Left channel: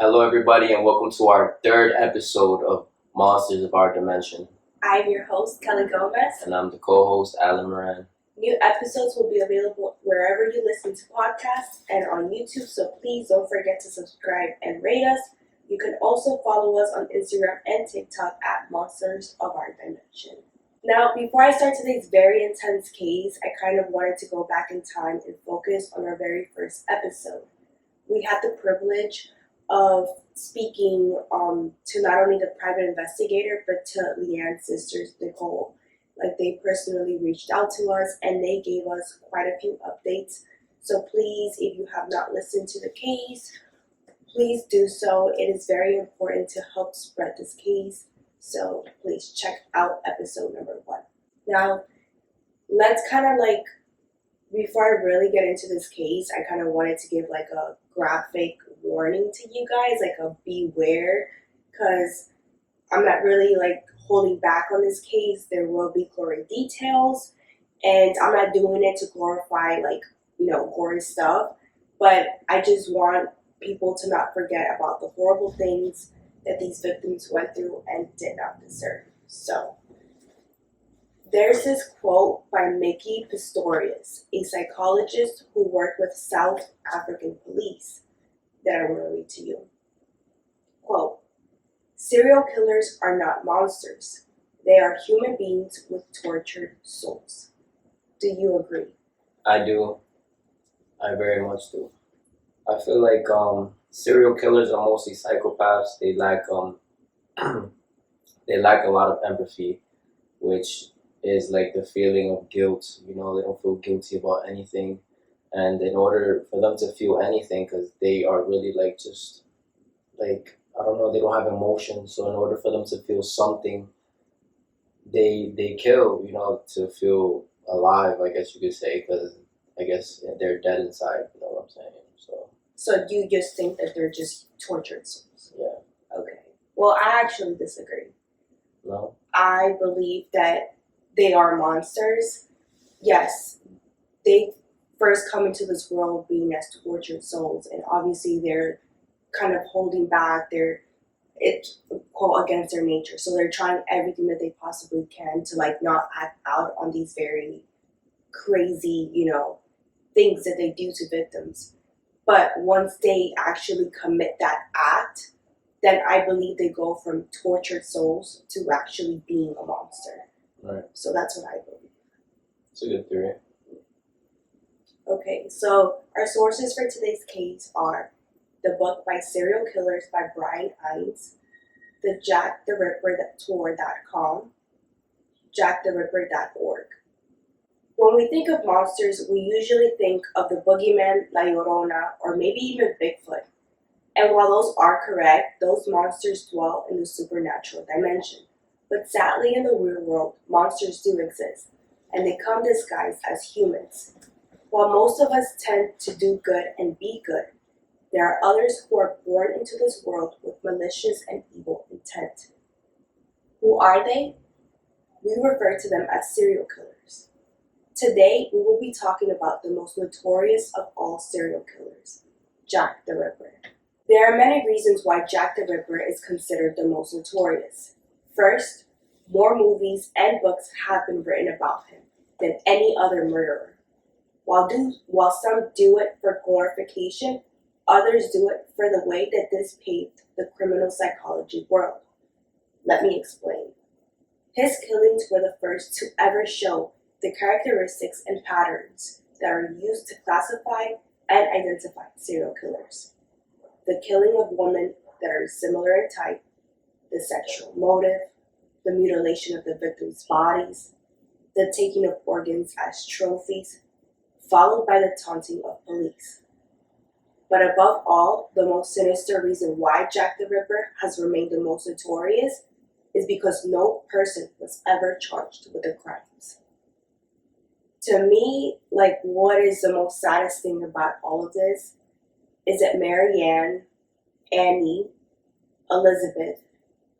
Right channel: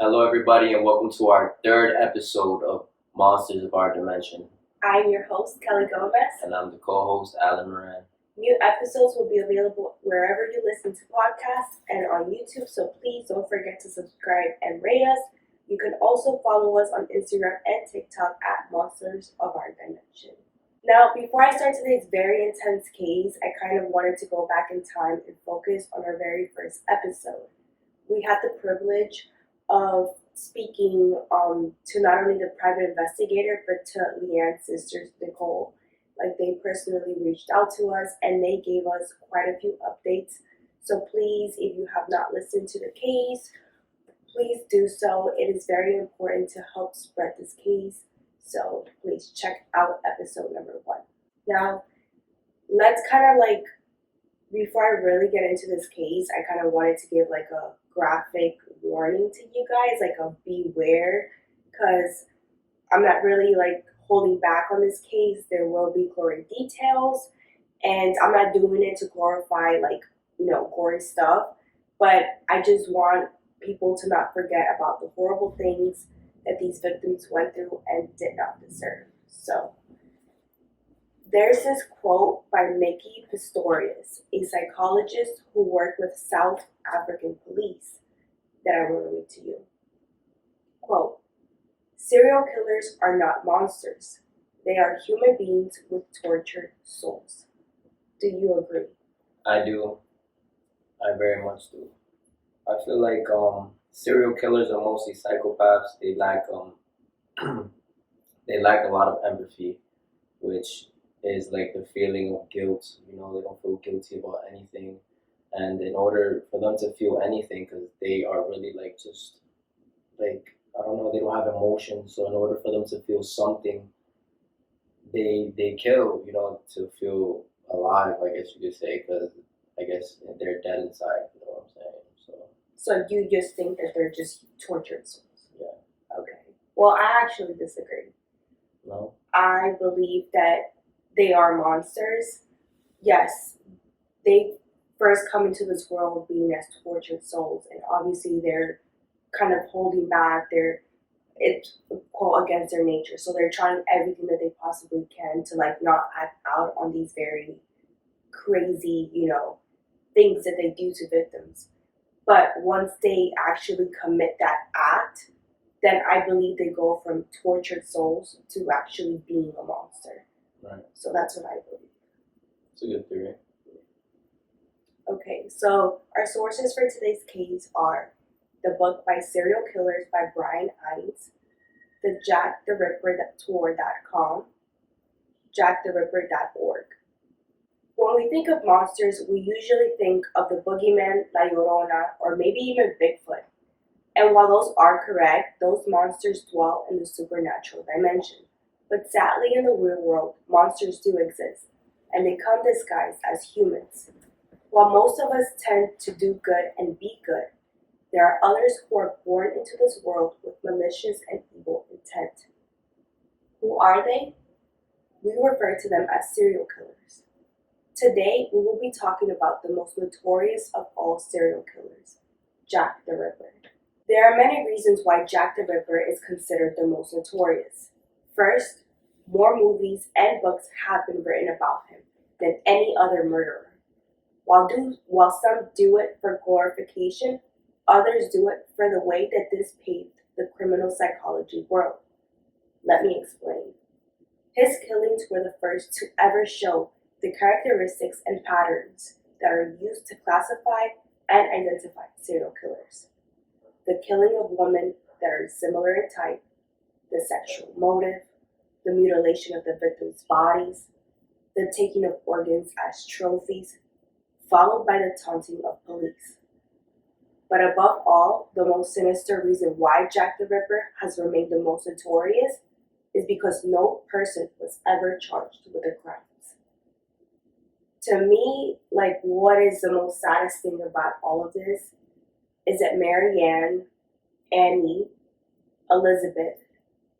Hello, everybody, and welcome to our third episode of Monsters of Our Dimension. I'm your host, Kelly Gomez. And I'm the co-host, Alan Moran. New episodes will be available wherever you listen to podcasts and on YouTube, so please don't forget to subscribe and rate us. You can also follow us on Instagram and TikTok at Monsters of Our Dimension. Now, before I start today's very intense case, I kind of wanted to go back in time and focus on our very first episode. We had the privilege of speaking to not only the private investigator, but to Leanne's sisters, Nicole. Like, they personally reached out to us and they gave us quite a few updates. So please, if you have not listened to the case, please do so. It is very important to help spread this case. So please check out episode number 1. Now, let's kind of before I really get into this case, I kind of wanted to give like a graphic warning to you guys, like a beware, because I'm not really holding back on this case. There will be gory details, and I'm not doing it to glorify gory stuff, but I just want people to not forget about the horrible things that these victims went through and did not deserve. So there's this quote by Mickey Pistorius, a psychologist who worked with South African police, that I want to read to you. Quote, "Serial killers are not monsters. They are human beings with tortured souls." Do you agree? I do. I very much do. I feel like serial killers are mostly psychopaths. They lack they lack a lot of empathy, which is like the feeling of guilt. They don't feel guilty about anything. And in order for them to feel anything, because they are really I don't know, they don't have emotions. So in order for them to feel something, they kill, to feel alive, I guess you could say, because I guess they're dead inside, you know what I'm saying? So you just think that they're just tortured souls? Yeah. Okay. Well, I actually disagree. No? I believe that they are monsters. Yes, they first come into this world being as tortured souls, and obviously they're kind of holding back. It's quote against their nature, so they're trying everything that they possibly can to not act out on these very crazy, things that they do to victims. But once they actually commit that act, then I believe they go from tortured souls to actually being a monster. Right. So that's what I believe. It's a good theory. Okay, so our sources for today's case are the book by Serial Killers by Brian Hines, the JackTheRipper.tour.com, JackTheRipper.org. When we think of monsters, we usually think of the boogeyman, La Llorona, or maybe even Bigfoot. And while those are correct, those monsters dwell in the supernatural dimension. But sadly, in the real world, monsters do exist, and they come disguised as humans. While most of us tend to do good and be good, there are others who are born into this world with malicious and evil intent. Who are they? We refer to them as serial killers. Today, we will be talking about the most notorious of all serial killers, Jack the Ripper. There are many reasons why Jack the Ripper is considered the most notorious. First, more movies and books have been written about him than any other murderer. While some do it for glorification, others do it for the way that this paved the criminal psychology world. Let me explain. His killings were the first to ever show the characteristics and patterns that are used to classify and identify serial killers. The killing of women that are similar in type, the sexual motive, the mutilation of the victims' bodies, the taking of organs as trophies, followed by the taunting of police. But above all, the most sinister reason why Jack the Ripper has remained the most notorious is because no person was ever charged with the crimes. To me, what is the most saddest thing about all of this is that Marianne, Annie, Elizabeth,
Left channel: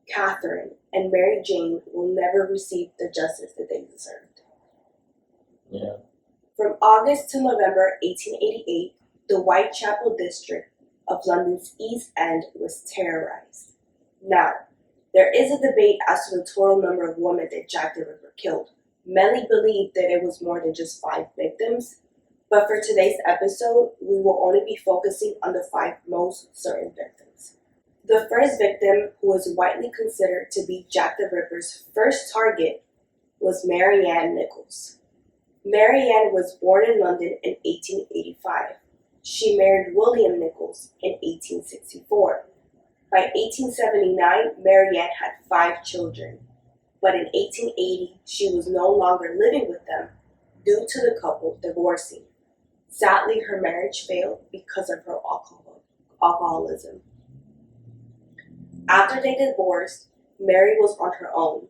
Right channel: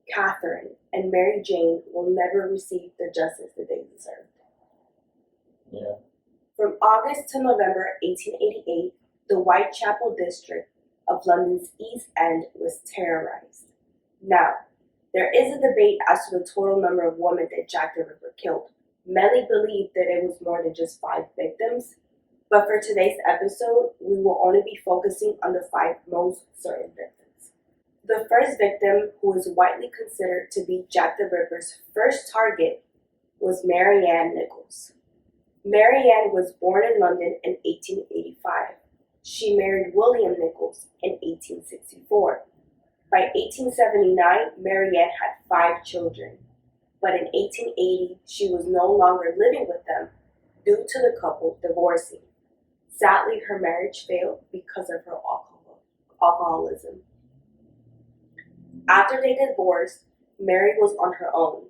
Catherine, and Mary Jane will never receive the justice that they deserved. Yeah. From August to November 1888, the Whitechapel district of London's East End was terrorized. Now, there is a debate as to the total number of women that Jack the Ripper killed. Many believe that it was more than just 5 victims, but for today's episode, we will only be focusing on the 5 most certain victims. The first victim, who is widely considered to be Jack the Ripper's first target, was Mary Ann Nichols. Mary Ann was born in London in 1885. She married William Nichols in 1864. By 1879, Mary Ann had 5 children, but in 1880, she was no longer living with them due to the couple divorcing. Sadly, her marriage failed because of her alcoholism. After they divorced, Mary was on her own.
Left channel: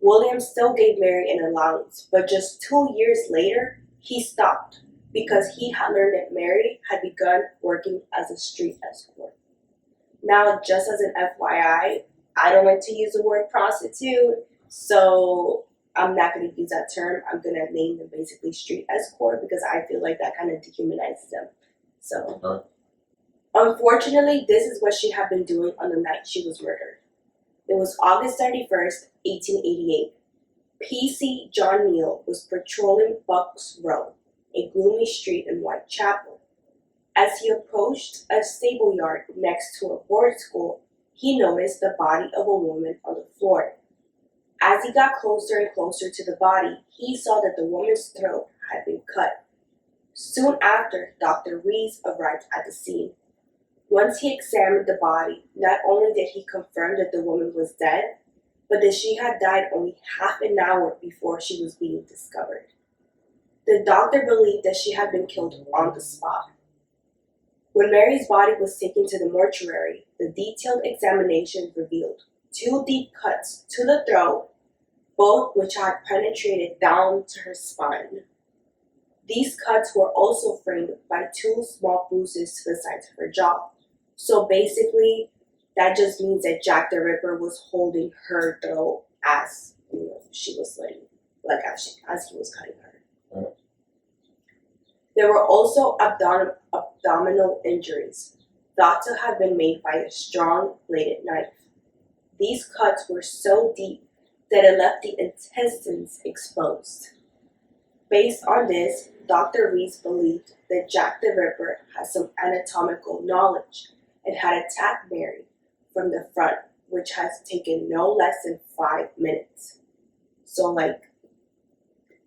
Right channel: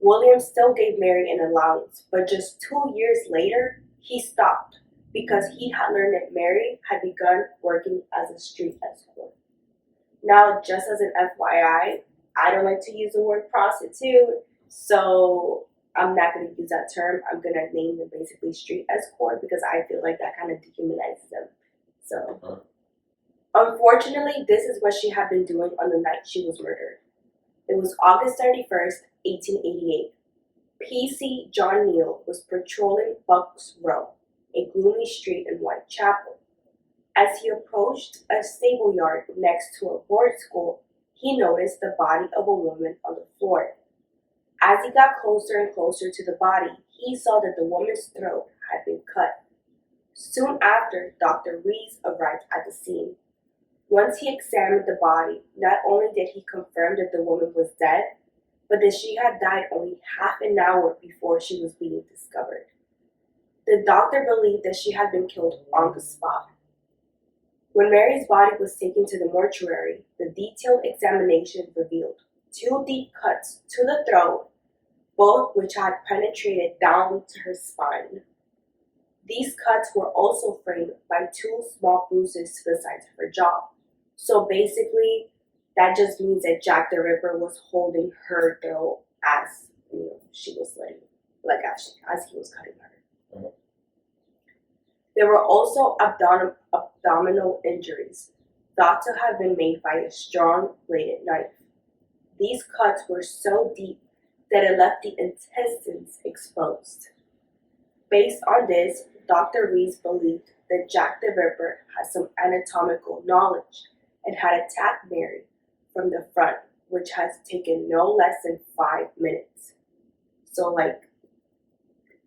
William still gave Mary an allowance, but just 2 years later, he stopped because he had learned that Mary had begun working as a street escort. Now, just as an FYI, I don't like to use the word prostitute, so I'm not going to use that term. I'm going to name them basically street escort because I feel like that kind of dehumanizes them. So, unfortunately, this is what she had been doing on the night she was murdered. It was August 31st, 1888. PC John Neal was patrolling Bucks Row, a gloomy street in Whitechapel. As he approached a stable yard next to a boarding school, he noticed the body of a woman on the floor. As he got closer and closer to the body, he saw that the woman's throat had been cut. Soon after, Dr. Rees arrived at the scene. Once he examined the body, not only did he confirm that the woman was dead, but that she had died only half an hour before she was being discovered. The doctor believed that she had been killed on the spot. When Mary's body was taken to the mortuary, the detailed examination revealed 2 deep cuts to the throat, both which had penetrated down to her spine. These cuts were also framed by 2 small bruises to the sides of her jaw. So basically, that just means that Jack the Ripper was holding her throat as she was slitting, like as he was cutting her. Mm. There were also abdominal injuries, thought to have been made by a strong bladed knife. These cuts were so deep that it left the intestines exposed. Based on this, Dr. Rees believed that Jack the Ripper had some anatomical knowledge and had attacked Mary from the front, which has taken no less than 5 minutes. So, it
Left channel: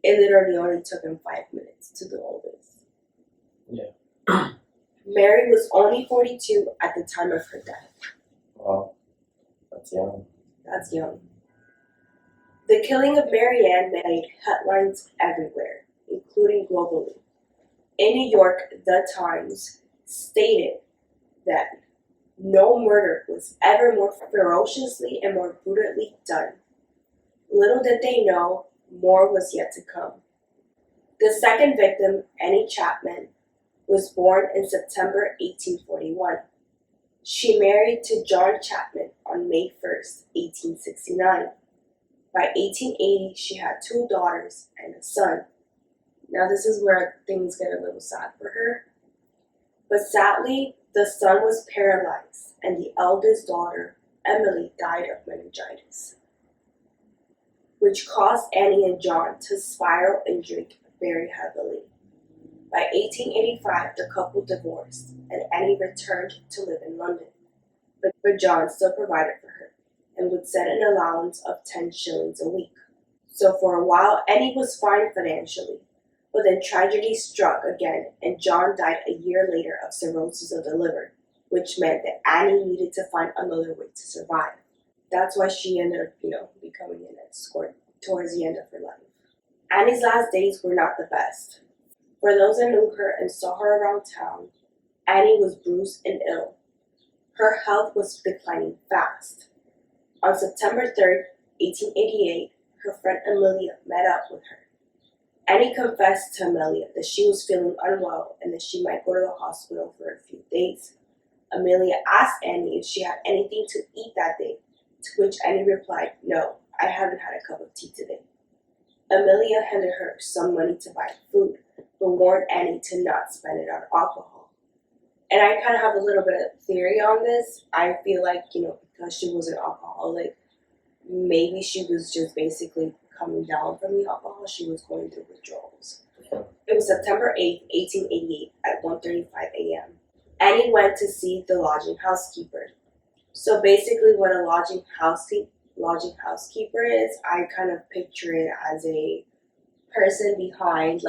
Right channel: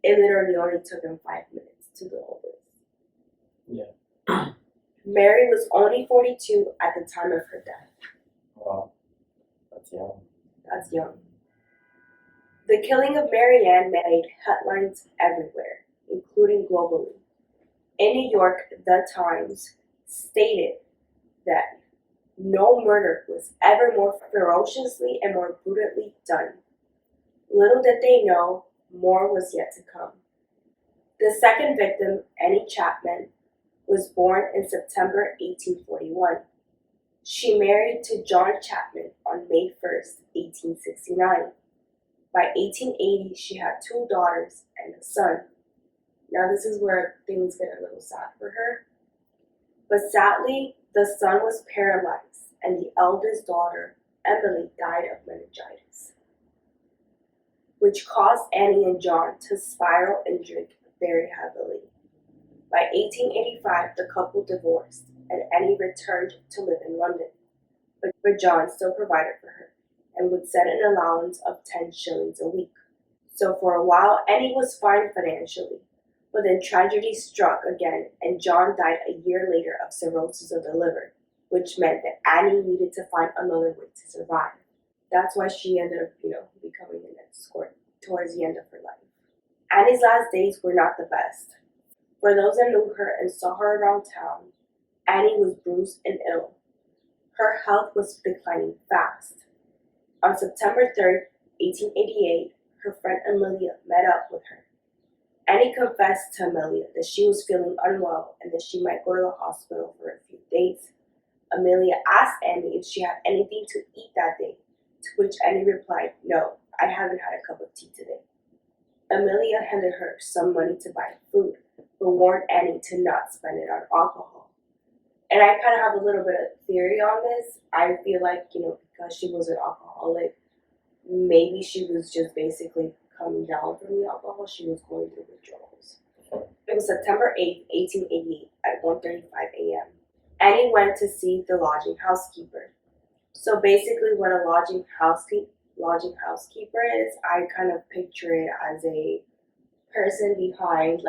literally only took him 5 minutes to do all this. Yeah. Mary was only 42 at the time of her death. Wow, that's young. That's young. The killing of Mary Ann made headlines everywhere, including globally. In New York, The Times stated that no murder was ever more ferociously and more brutally done. Little did they know, more was yet to come. The second victim, Annie Chapman, was born in September 1841. She married to John Chapman on May 1st, 1869. By 1880, she had 2 daughters and a son. Now this is where things get a little sad for her. But sadly, the son was paralyzed, and the eldest daughter, Emily, died of meningitis, which caused Annie and John to spiral and drink very heavily. By 1885, the couple divorced, and Annie returned to live in London. But John still provided for her, and would set an allowance of 10 shillings a week. So for a while, Annie was fine financially, but then tragedy struck again, and John died a year later of cirrhosis of the liver, which meant that Annie needed to find another way to survive. That's why she ended up, becoming an escort towards the end of her life. Annie's last days were not the best. For those that knew her and saw her around town, Annie was bruised and ill. Her health was declining fast. On September 3rd, 1888, her friend Amelia met up with her. Annie confessed to Amelia that she was feeling unwell and that she might go to the hospital for a few days. Amelia asked Annie if she had anything to eat that day, to which Annie replied, "No, I haven't had a cup of tea today." Amelia handed her some money to buy food, but warned Annie to not spend it on alcohol. And I kind of have a little bit of theory on this. I feel like, because she was an alcoholic, maybe she was just basically coming down from the alcohol. She was going through withdrawals. It was September 8th, 1888 at 1:35 a.m. Annie went to see the lodging housekeeper. So basically what a lodging housekeeper is, I kind of picture it as a person behind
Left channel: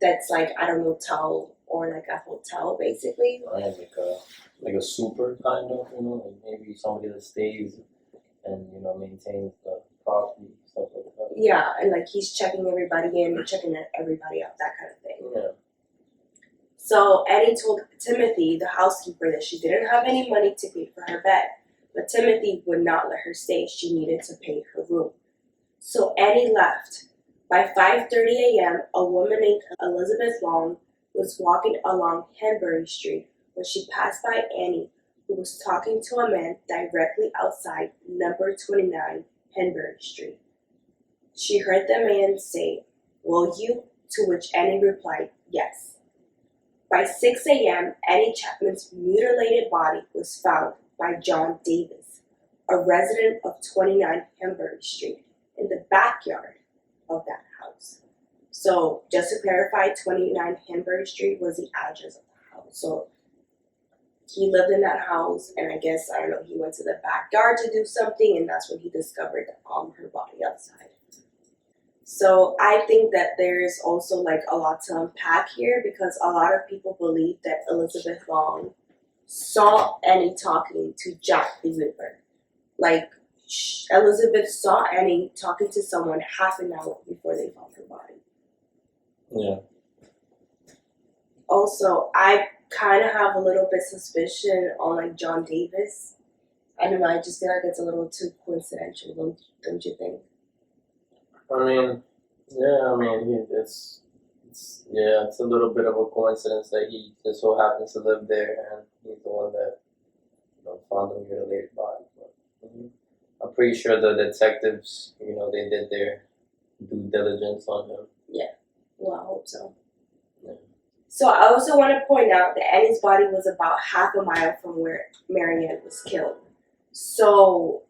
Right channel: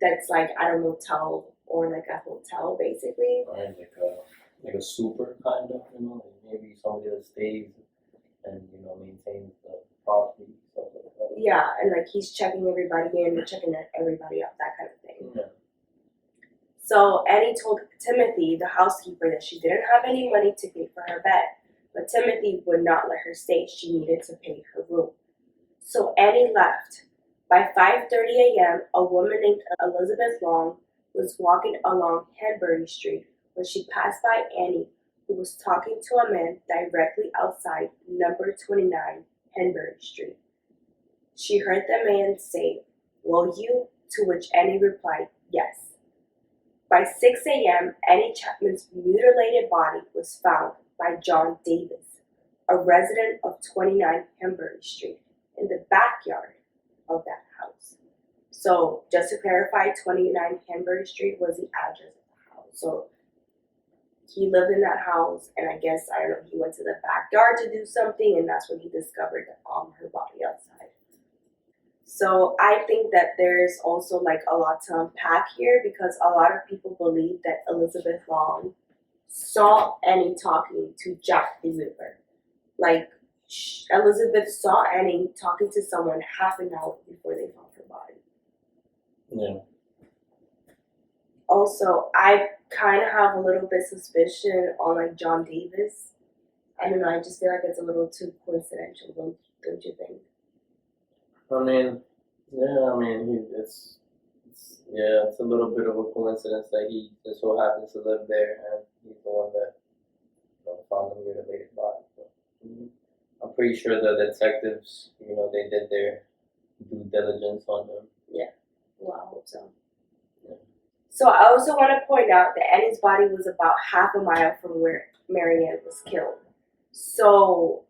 that's like at a motel or like a hotel basically. Right, like a super kind of, like maybe somebody that stays and maintains the property, stuff like that. Yeah, and like he's checking everybody in and checking everybody out, that kind of thing. Yeah. So Annie told Timothy, the housekeeper, that she didn't have any money to pay for her bed, but Timothy would not let her stay. She needed to pay her room. So Annie left. By 5:30 a.m., a woman named Elizabeth Long was walking along Henbury Street when she passed by Annie, who was talking to a man directly outside number 29 Henbury Street. She heard the man say, "Will you?" To which Annie replied, "Yes." By 6 a.m., Annie Chapman's mutilated body was found by John Davis, a resident of 29 Henbury Street, in the backyard of that house. So, just to clarify, 29 Henbury Street was the address of the house. So, he lived in that house, and I guess, I don't know, he went to the backyard to do something, and that's when he discovered her body outside. So I think that there's also like a lot to unpack here because a lot of people believe that Elizabeth Long saw Annie talking to Jack the Ripper. Like Elizabeth saw Annie talking to someone half an hour before they found her body. Yeah. Also, I kind of have a little bit suspicion on like John Davis. I don't know. I just feel like it's a little too coincidental, don't you think? I mean, yeah. I mean, it's a little bit of a coincidence that he just so happens to live there, and he's the one that found the mutilated body. But, I'm pretty sure the detectives, they did their due diligence on him. Yeah. Well, I hope so. Yeah. So I also want to point out that Annie's body was about half a mile from where Marianne was killed. So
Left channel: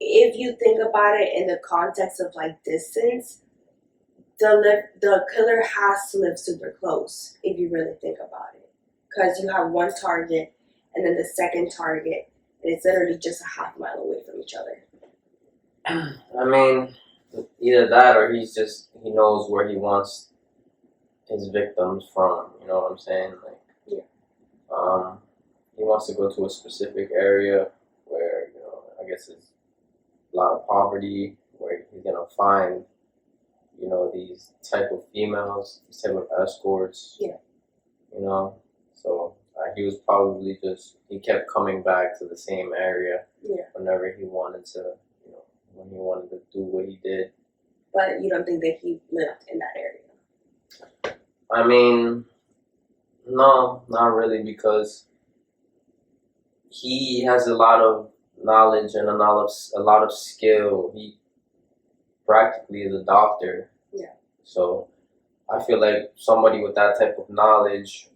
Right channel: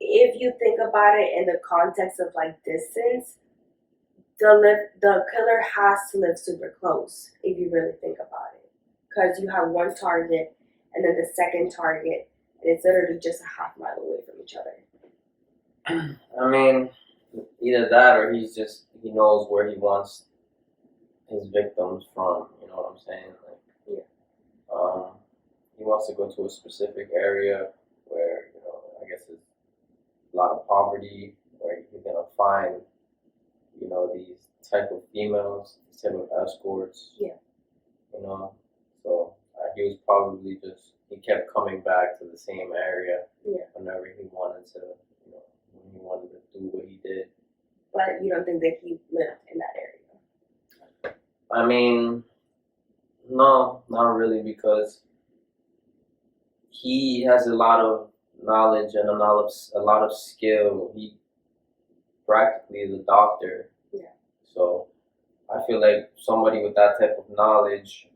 if you think about it in the context of like distance, the killer has to live super close if you really think about it, because you have one target and then the second target, and it's literally just a half mile away from each other. I mean, either that or he knows where he wants his victims from. You know what I'm saying? Like, yeah. He wants to go to a specific area where I guess it's a lot of poverty, where he's gonna find these type of females, these type of escorts. Yeah. So he was probably he kept coming back to the same area. Yeah. Whenever he wanted to, when he wanted to do what he did. But you don't think that he lived in that area? I mean, no, not really, because he has a lot of knowledge and a lot of skill. He practically is a doctor. Yeah. So I feel like somebody with that type of knowledge,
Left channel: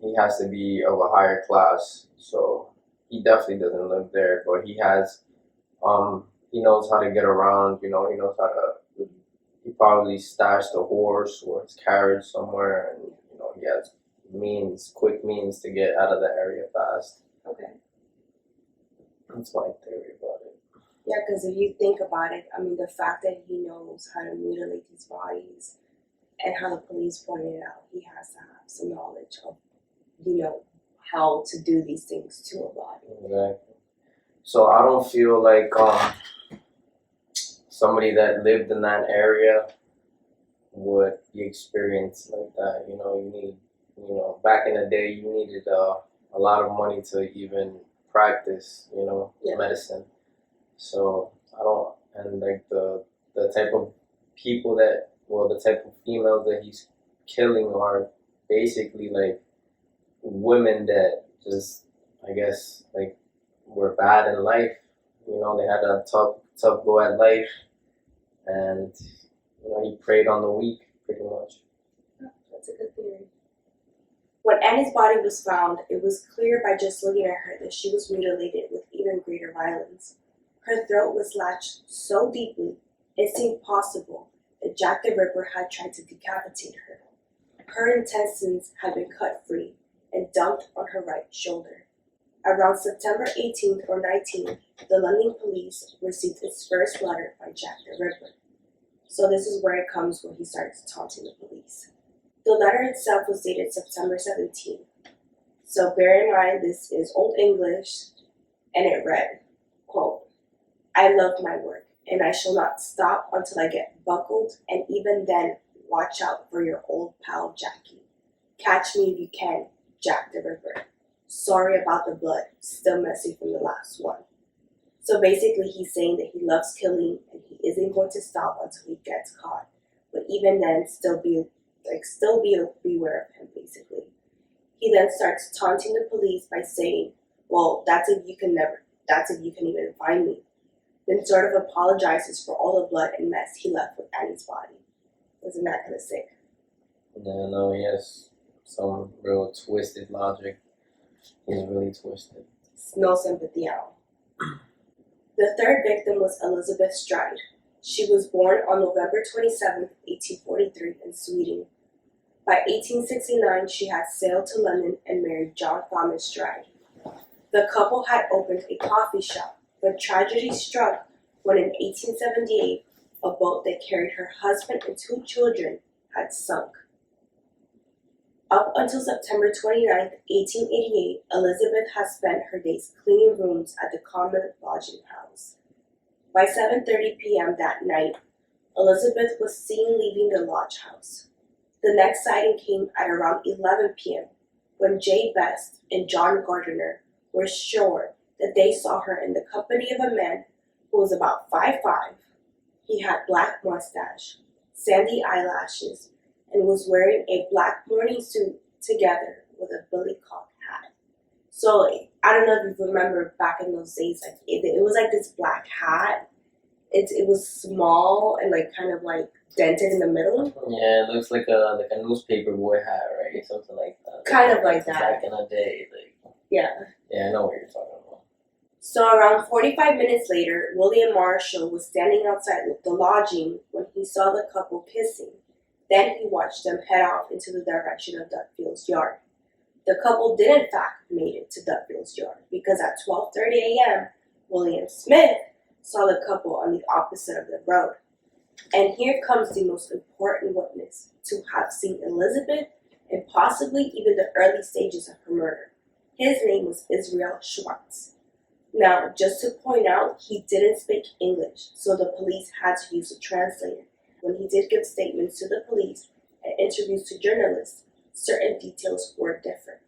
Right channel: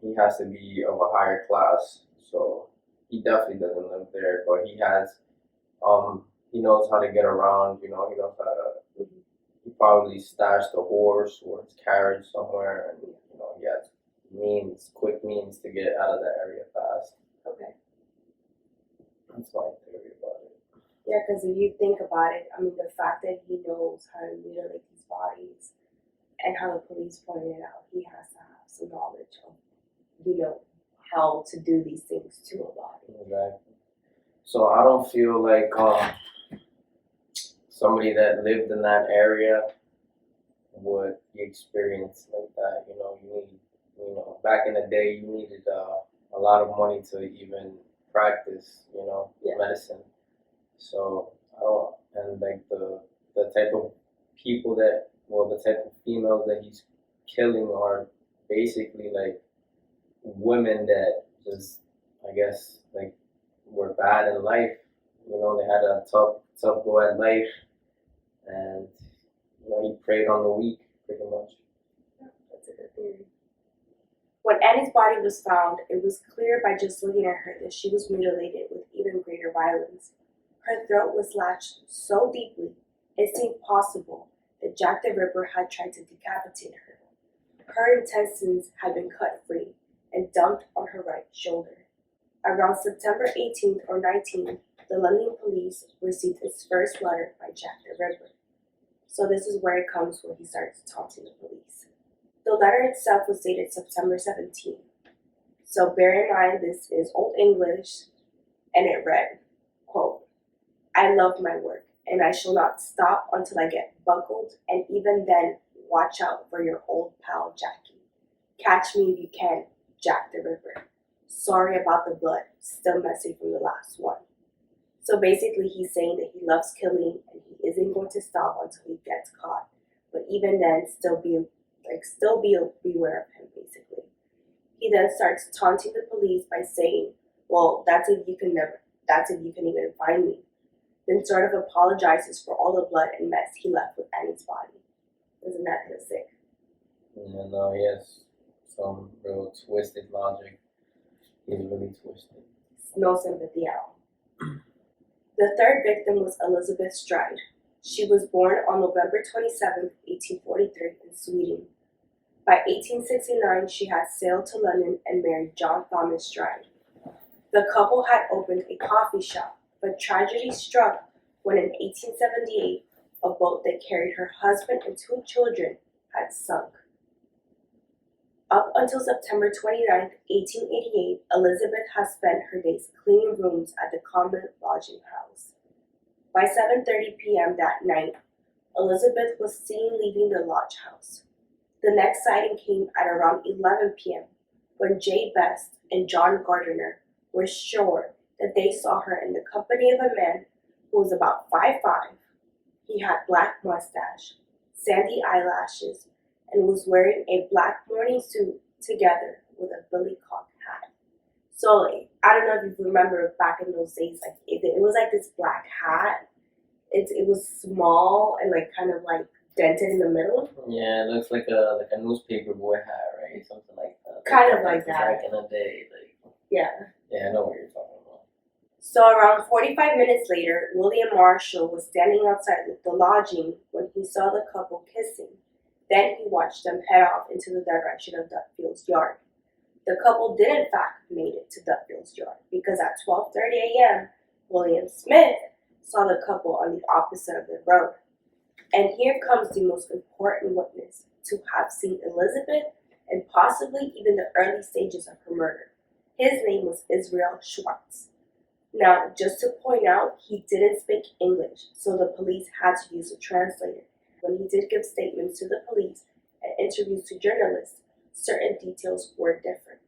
he has to be of a higher class. So he definitely doesn't live there, but he has, he knows how to get around. He knows how to. He probably stashed a horse or his carriage somewhere, and he has quick means to get out of the area fast. Okay. That's my theory about it. Yeah, because if you think about it, I mean, the fact that he knows how to mutilate these bodies and how the police pointed out, he has to have some knowledge of, how to do these things to a body. Exactly. So I don't feel like somebody that lived in that area would be experienced like that. You need, back in the day, you needed a lot of money to even practice, Yeah. medicine. So I don't, and like the type of people the type of females that he's killing are basically like women that just, I guess, like were bad in life. They had a tough go at life, and he preyed on the weak pretty much. That's a good theory. When Annie's body was found, it was clear by just looking at her that she was mutilated with even greater violence. Her throat was lashed so deeply it seemed possible that Jack the Ripper had tried to decapitate her. Her intestines had been cut free and dumped on her right shoulder. Around September 18th or 19th, the London police received its first letter by Jack the Ripper. So this is where it comes when he starts taunting the police. The letter itself was dated September 17th. So bear in mind this is Old English, and it read, quote, "I love my work, and I shall not stop until I get buckled, and even then watch out for your old pal Jackie. Catch me if you can, Jack the Ripper. Sorry about the blood, still messy from the last one." So basically he's saying that he loves killing and he isn't going to stop until he gets caught. But even then, still be beware of him, basically. He then starts taunting the police by saying, "Well, that's if you can even find me." Then sort of apologizes for all the blood and mess he left with Annie's body. Isn't that kind of sick? Yeah, no, he has some real twisted logic. He's really twisted. No sympathy at all. The third victim was Elizabeth Stride. She was born on November 27, 1843 in Sweden. By 1869, she had sailed to London and married John Thomas Stride. The couple had opened a coffee shop, but tragedy struck when in 1878, a boat that carried her husband and 2 children had sunk. Up until September 29, 1888, Elizabeth had spent her days cleaning rooms at the Common Lodging House. By 7:30 p.m. that night, Elizabeth was seen leaving the lodge house. The next sighting came at around 11 p.m. when Jay Best and John Gardiner were sure that they saw her in the company of a man who was about 5'5". He had black mustache, sandy eyelashes, and was wearing a black morning suit together with a billycock hat. So I don't know if you remember back in those days, like it was like this black hat. It was small and like kind of like dented in the middle. Yeah, it looks like a newspaper boy hat, right? Something like that. Kind of like that. Back in the day, like. Yeah. Yeah, I know what you're talking about. So around 45 minutes later, William Marshall was standing outside the lodging when he saw the couple kissing. Then he watched them head off into the direction of Dutfield's yard. The couple did in fact make it to Dutfield's yard because at 12:30 a.m., William Smith saw the couple on the opposite of the road. And here comes the most important witness to have seen Elizabeth and possibly even the early stages of her murder. His name was Israel Schwartz. Now, just to point out, he didn't speak English, so the police had to use a translator. When he did give statements to the police and interviews to journalists, certain details were different.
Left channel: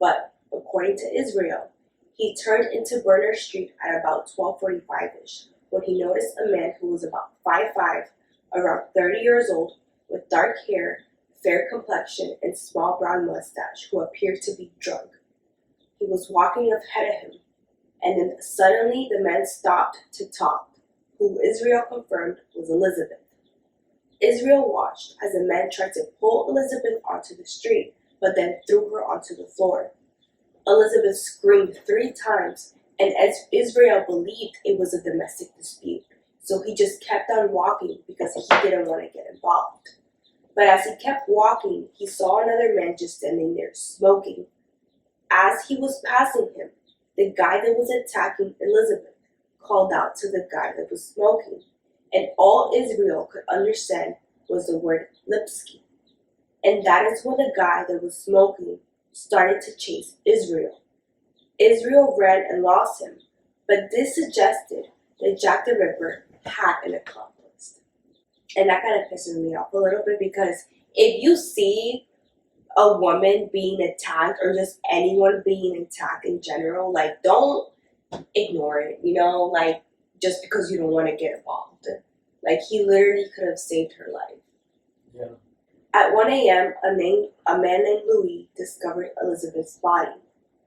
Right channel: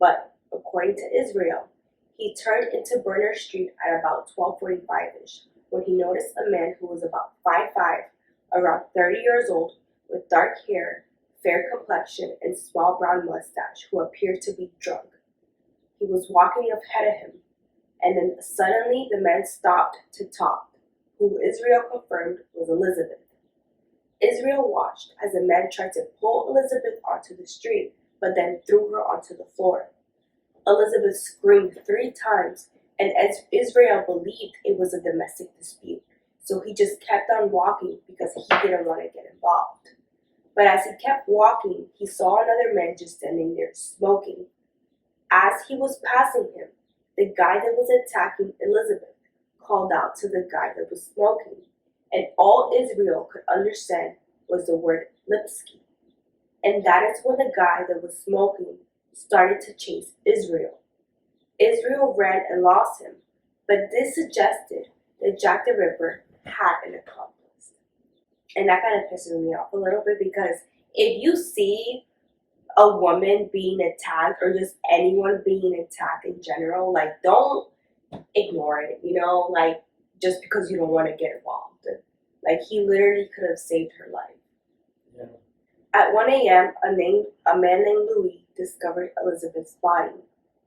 But according to Israel, he turned into Berners Street at about 12:45-ish when he noticed a man who was about 5'5", around 30 years old, with dark hair, fair complexion, and small brown mustache, who appeared to be drunk. He was walking ahead of him, and then suddenly the man stopped to talk, who Israel confirmed was Elizabeth. Israel watched as the man tried to pull Elizabeth onto the street, but then threw her onto the floor. Elizabeth screamed 3 times, and as Israel believed it was a domestic dispute, so he just kept on walking because he didn't want to get involved. But as he kept walking, he saw another man just standing there smoking. As he was passing him, the guy that was attacking Elizabeth called out to the guy that was smoking, and all Israel could understand was the word Lipsky. And that is when the guy that was smoking started to chase Israel. Israel ran and lost him, but this suggested that Jack the Ripper had an accomplice. And that kind of pisses me off a little bit because if you see a woman being attacked or just anyone being attacked in general, like don't ignore it, like just because you don't want to get involved. Like he literally could have saved her life. Yeah. At 1 a.m., a man named Louis discovered Elizabeth's body.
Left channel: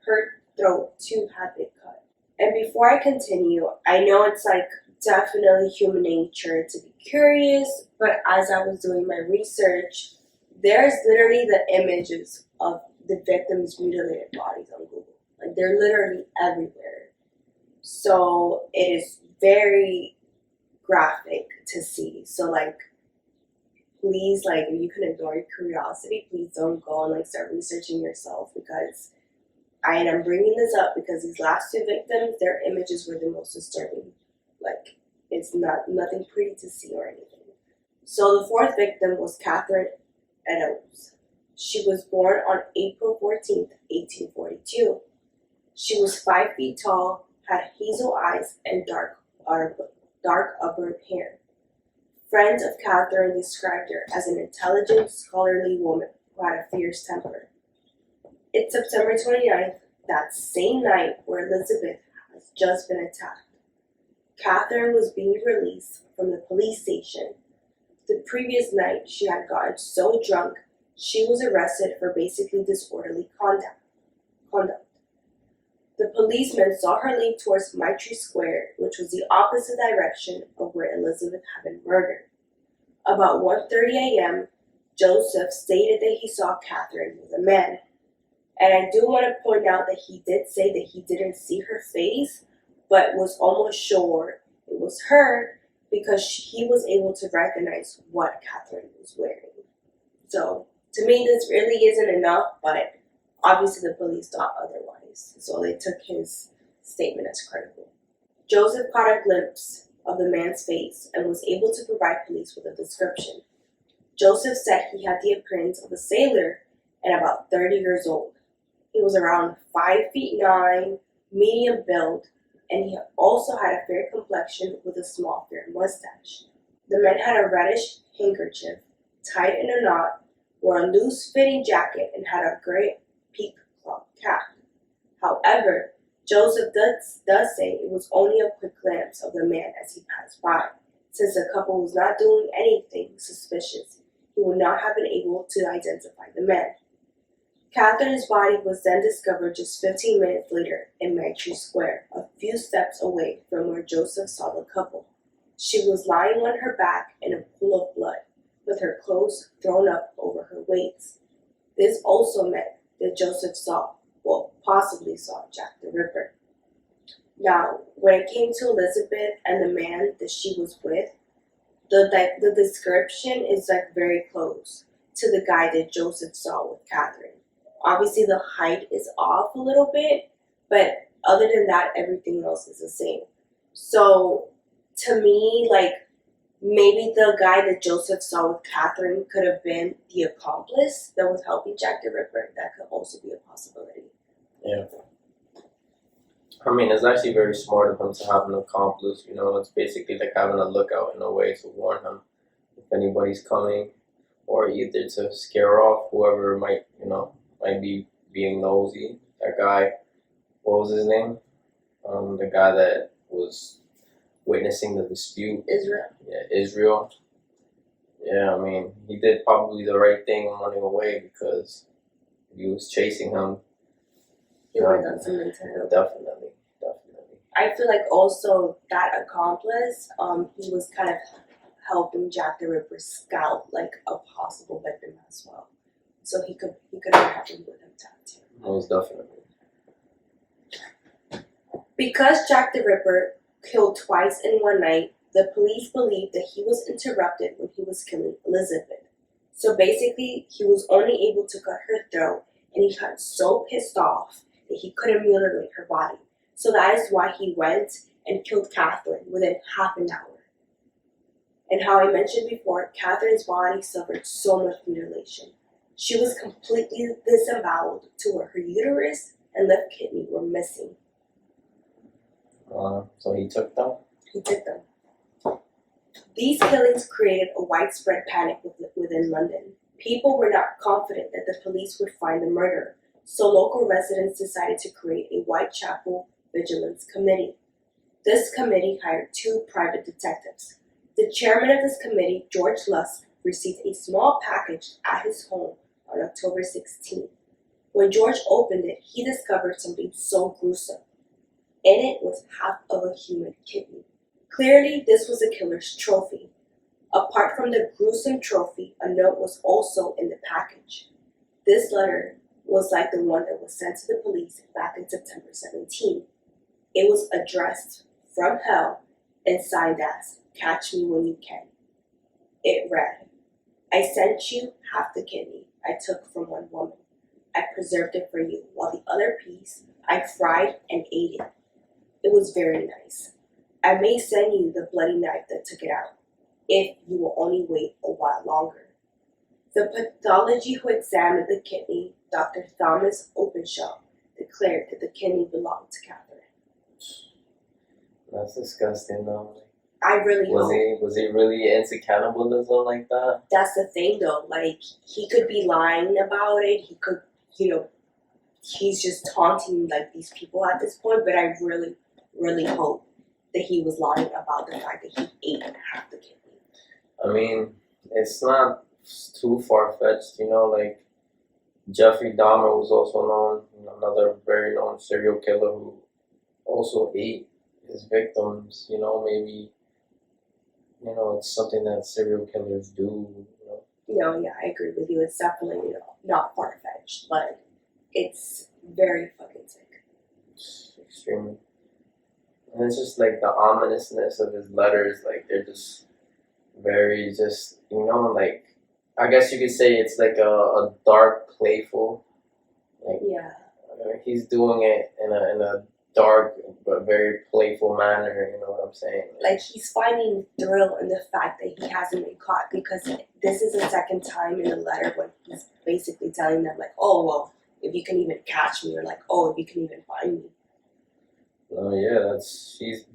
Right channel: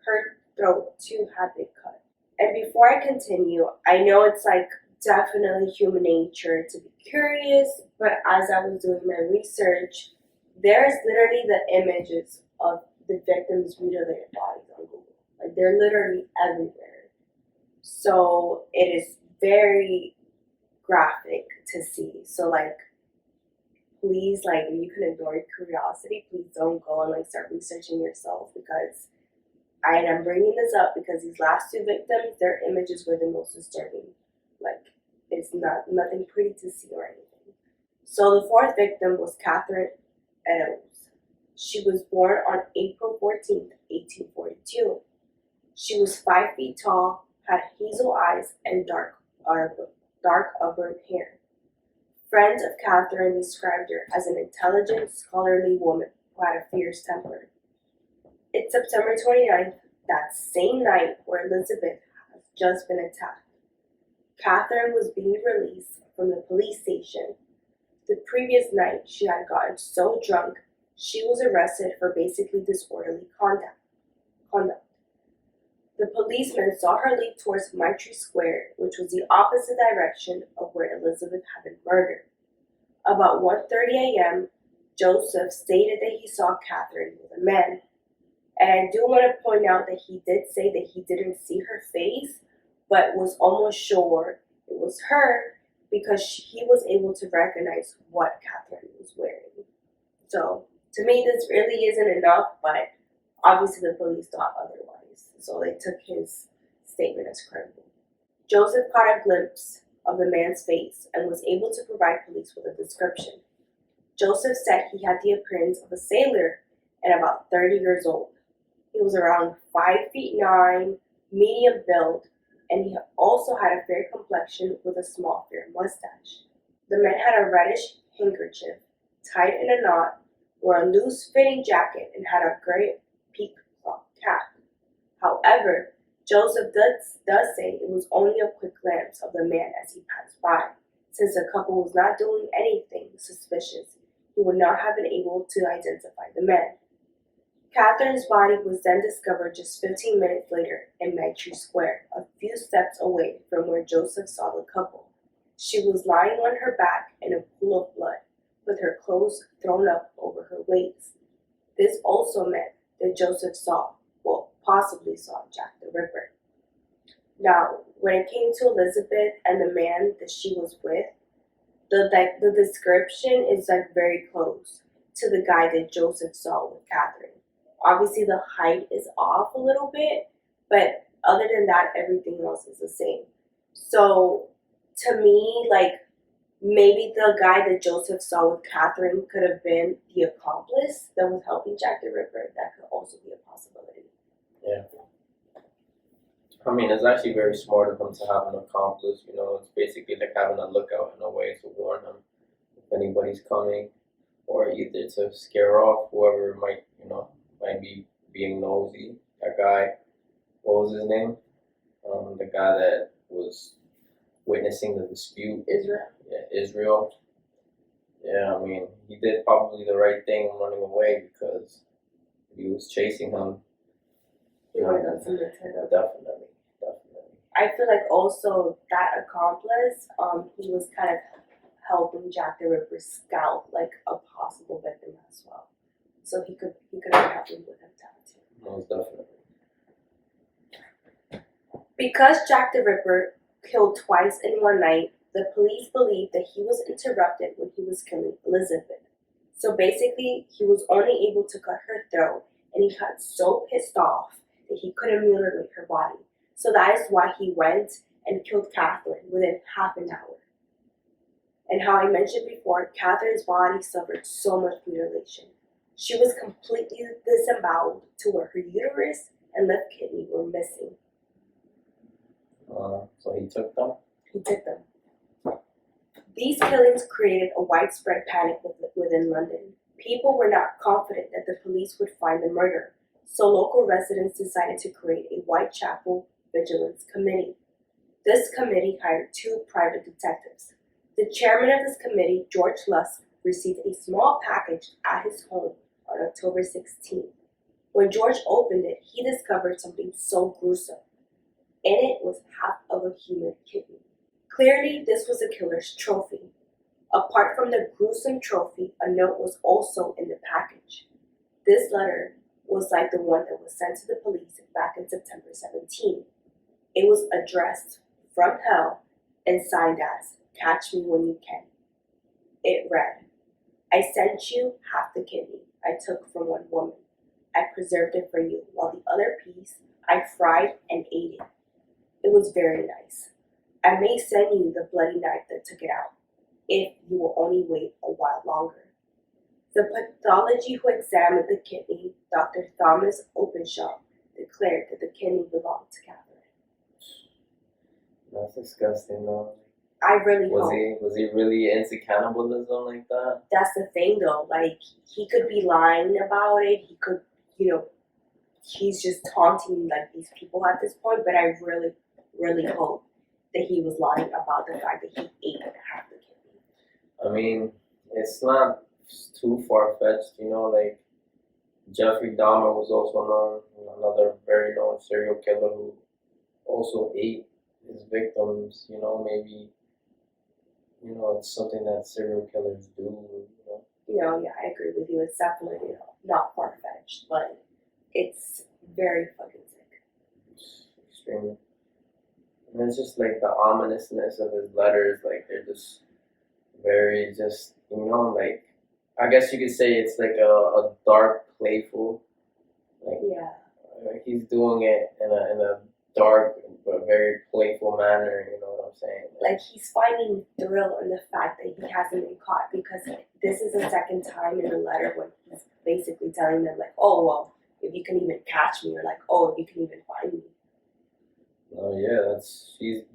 Her throat too had been cut. And before I continue, I know it's like definitely human nature to be curious, but as I was doing my research, there's literally the images of the victims' mutilated bodies on Google. Like they're literally everywhere. So it is very graphic to see. So like please, like if you can ignore your curiosity, please don't go and like start researching yourself because I'm bringing this up because these last two victims, their images were the most disturbing. Like it's nothing pretty to see or anything. So the fourth victim was Catherine Eddowes. She was born on April 14th, 1842. She was 5 feet tall, had hazel eyes, and dark auburn hair. Friends of Catherine described her as an intelligent, scholarly woman who had a fierce temper. It's September 29th, that same night where Elizabeth has just been attacked. Catherine was being released from the police station. The previous night, she had gotten so drunk, she was arrested for basically disorderly conduct. The policeman saw her leave towards Mitre Square, which was the opposite direction of where Elizabeth had been murdered. About 1:30 a.m., Joseph stated that he saw Catherine with a man. And I do want to point out that he did say that he didn't see her face, but was almost sure it was her because he was able to recognize what Catherine was wearing. So, to me, this really isn't enough, but obviously the police thought otherwise. So they took his statement as credible. Joseph caught a glimpse of the man's face and was able to provide police with a description. Joseph said he had the appearance of a sailor and about 30 years old. He was around 5'9", medium build, and he also had a fair complexion with a small fair mustache. The man had a reddish handkerchief tied in a knot, wore a loose-fitting jacket, and had a gray peacock cap. However, Joseph does say it was only a quick glance of the man as he passed by. Since the couple was not doing anything suspicious, he would not have been able to identify the man. Catherine's body was then discovered just 15 minutes later in Mitre Square, a few steps away from where Joseph saw the couple. She was lying on her back in a pool of blood, with her clothes thrown up over her waist. This also meant that Joseph possibly saw Jack the Ripper. Now, when it came to Elizabeth and the man that she was with, the description is very close to the guy that Joseph saw with Catherine. Obviously, the height is off a little bit, but other than that, everything else is the same. So, to me, maybe the guy that Joseph saw with Catherine could have been the accomplice that was helping Jack the Ripper. That could also be a possibility. Yeah. I mean, it's actually very smart of him to have an accomplice. It's basically like having a lookout in a way to warn him if anybody's coming, or either to scare off whoever might be being nosy. That guy, what was his name? The guy that was witnessing the dispute. Israel. Yeah, Israel. Yeah, I mean, he did probably the right thing running away because he was chasing him. He would have done something to him. Definitely. I feel like also that accomplice, he was kind of helping Jack the Ripper scout a possible victim as well. So he could have happened with him too. Most definitely. Because Jack the Ripper killed twice in one night, the police believed that he was interrupted when he was killing Elizabeth. So basically, he was only able to cut her throat, and he got so pissed off that he couldn't mutilate her body. So that is why he went and killed Catherine within half an hour. And how I mentioned before, Catherine's body suffered so much mutilation. She was completely disemboweled to where her uterus and left kidney were missing. So he took them? He took them. These killings created a widespread panic within London. People were not confident that the police would find the murderer, so local residents decided to create a Whitechapel Vigilance Committee. This committee hired 2 private detectives. The chairman of this committee, George Lusk, received a small package at his home on October 16th. When George opened it, he discovered something so gruesome. In it was half of a human kidney. Clearly, this was the killer's trophy. Apart from the gruesome trophy, a note was also in the package. This letter was like the one that was sent to the police back in September 17. It was addressed from hell and signed as "Catch Me When You Can." It read, "I sent you half the kidney I took from one woman. I preserved it for you, while the other piece I fried and ate it. It was very nice. I may send you the bloody knife that took it out, if you will only wait a while longer." The pathologist who examined the kidney, Dr. Thomas Openshaw, declared that the kidney belonged to Catherine. That's disgusting, though. I really Was hope. he really into cannibalism like that? That's the thing, though. Like, he could be lying about it. He could, he's just taunting, like, these people at this point. But I really, really hope that he was lying about the fact that he ate half the kidney. I mean, it's not too far-fetched, like Jeffrey Dahmer was also known, another very known serial killer who also ate his victims, maybe, it's something that serial killers do. Yeah, I agree with you. It's definitely, not far-fetched, but it's very fucking sick. It's extremely. And it's just like the ominousness of his letters, like they're just very just, like, I guess you could say it's like a dark, playful, like Yeah. He's doing it in a dark but very playful manner. You know what I'm saying? Like, he's finding thrill in the fact that he hasn't been caught, because this is the second time in the letter when he's basically telling them, like, oh, well, if you can even catch me, or like, oh, if you can even find me. Oh yeah,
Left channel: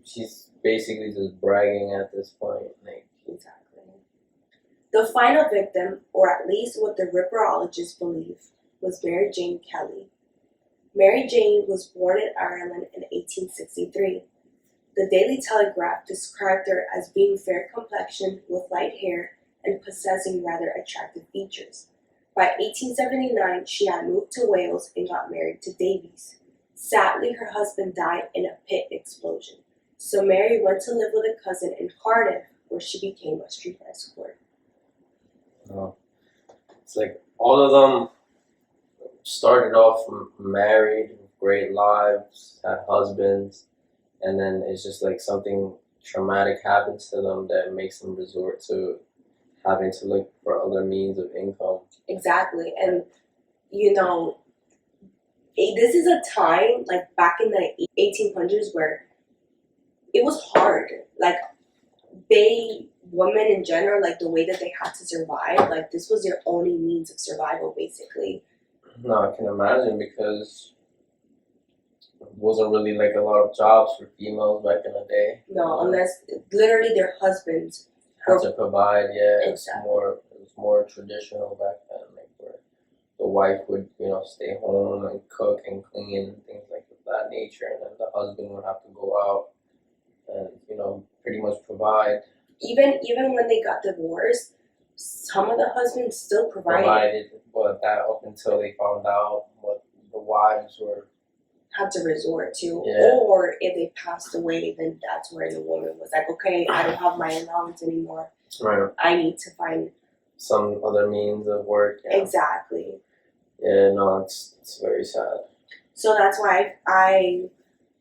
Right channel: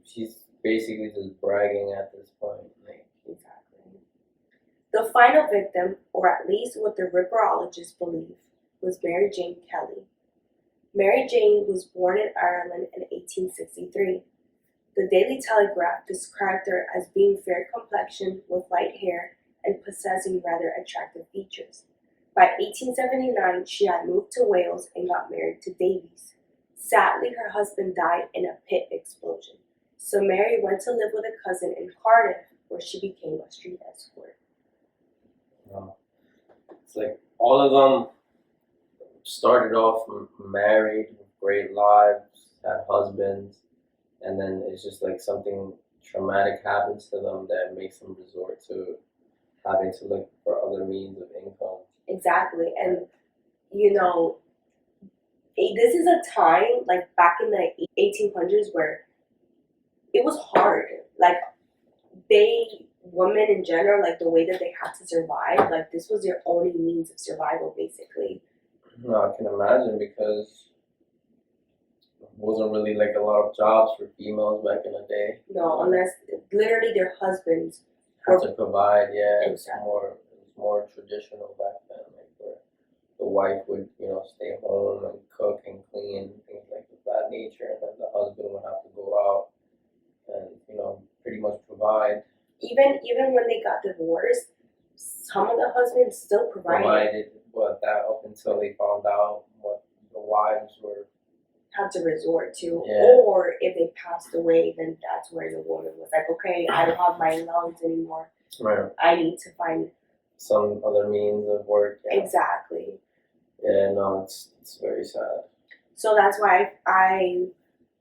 she's basically just bragging at this point. Like, Exactly. The final victim, or at least what the ripperologists believe, was Mary Jane Kelly. Mary Jane was born in Ireland in 1863. The Daily Telegraph described her as being fair complexioned with light hair and possessing rather attractive features. By 1879, she had moved to Wales and got married to Davies. Sadly, her husband died in a pit explosion, so Mary went to live with a cousin in Cardiff, where she became a street escort. it's like all of them started off married, with great lives, had husbands, and then it's just like something traumatic happens to them that makes them resort to having to look for other means of income. Exactly, and this is a time, like back in the 1800s, where it was hard. Like, women in general, like the way that they had to survive, like this was their only means of survival, basically. No, I can imagine, because it wasn't really like a lot of jobs for females back in the day. No, unless literally their husbands had to provide. Yeah, Exactly. It was more traditional back then, like where the wife would stay home and cook and clean and things like that nature, and then the husband would have to go out and pretty much provide. Even when they got divorced, some of the husbands still provided, but that up until they found out what the wives were had to resort to. Yeah. Or if they passed away, then that's where the woman was like, okay, I don't have my allowance anymore. Right. I need to find some other means of work. Yeah. Exactly. Yeah, no, it's very sad. So that's why I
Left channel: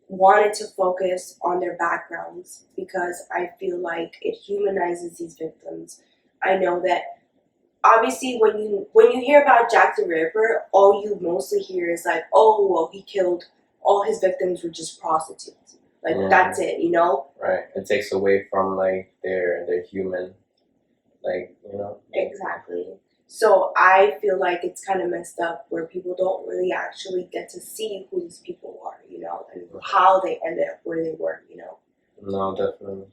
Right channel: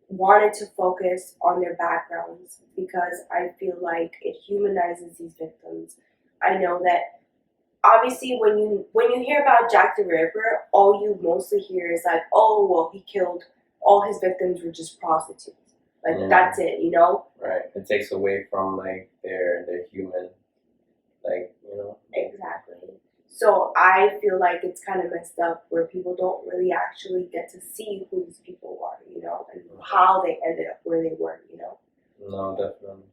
wanted to focus on their backgrounds, because I feel like it humanizes these victims. I know that obviously when you hear about Jack the Ripper, all you mostly hear is like, oh, well, he killed all his victims were just prostitutes. Like, that's it, Right. It takes away from like their human, Exactly. So I feel like it's kind of messed up where people don't really actually get to see who these people are, and how they ended up where they were, No, definitely.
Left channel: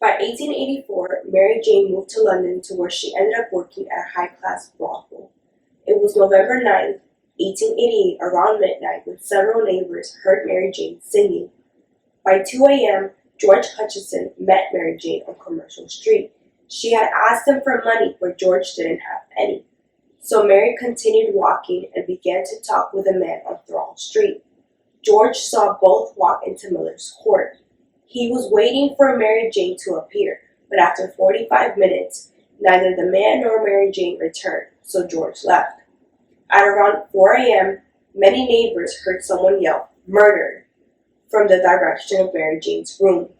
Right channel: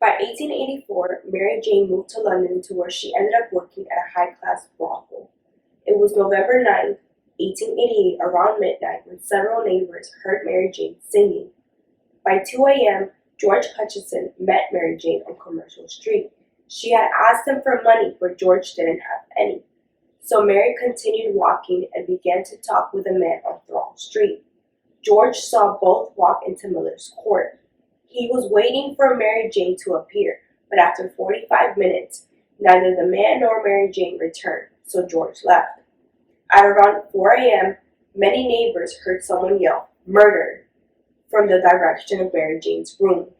By 1884, Mary Jane moved to London, to where she ended up working at a high-class brothel. It was November 9th, 1888, around midnight, when several neighbors heard Mary Jane singing. By 2 a.m., George Hutchison met Mary Jane on Commercial Street. She had asked him for money, but George didn't have any. So Mary continued walking and began to talk with a man on Thrall Street. George saw both walk into Miller's Court. He was waiting for Mary Jane to appear, but after 45 minutes, neither the man nor Mary Jane returned, so George left. At around 4 a.m., many neighbors heard someone yell, "Murder!" from the direction of Mary Jane's room.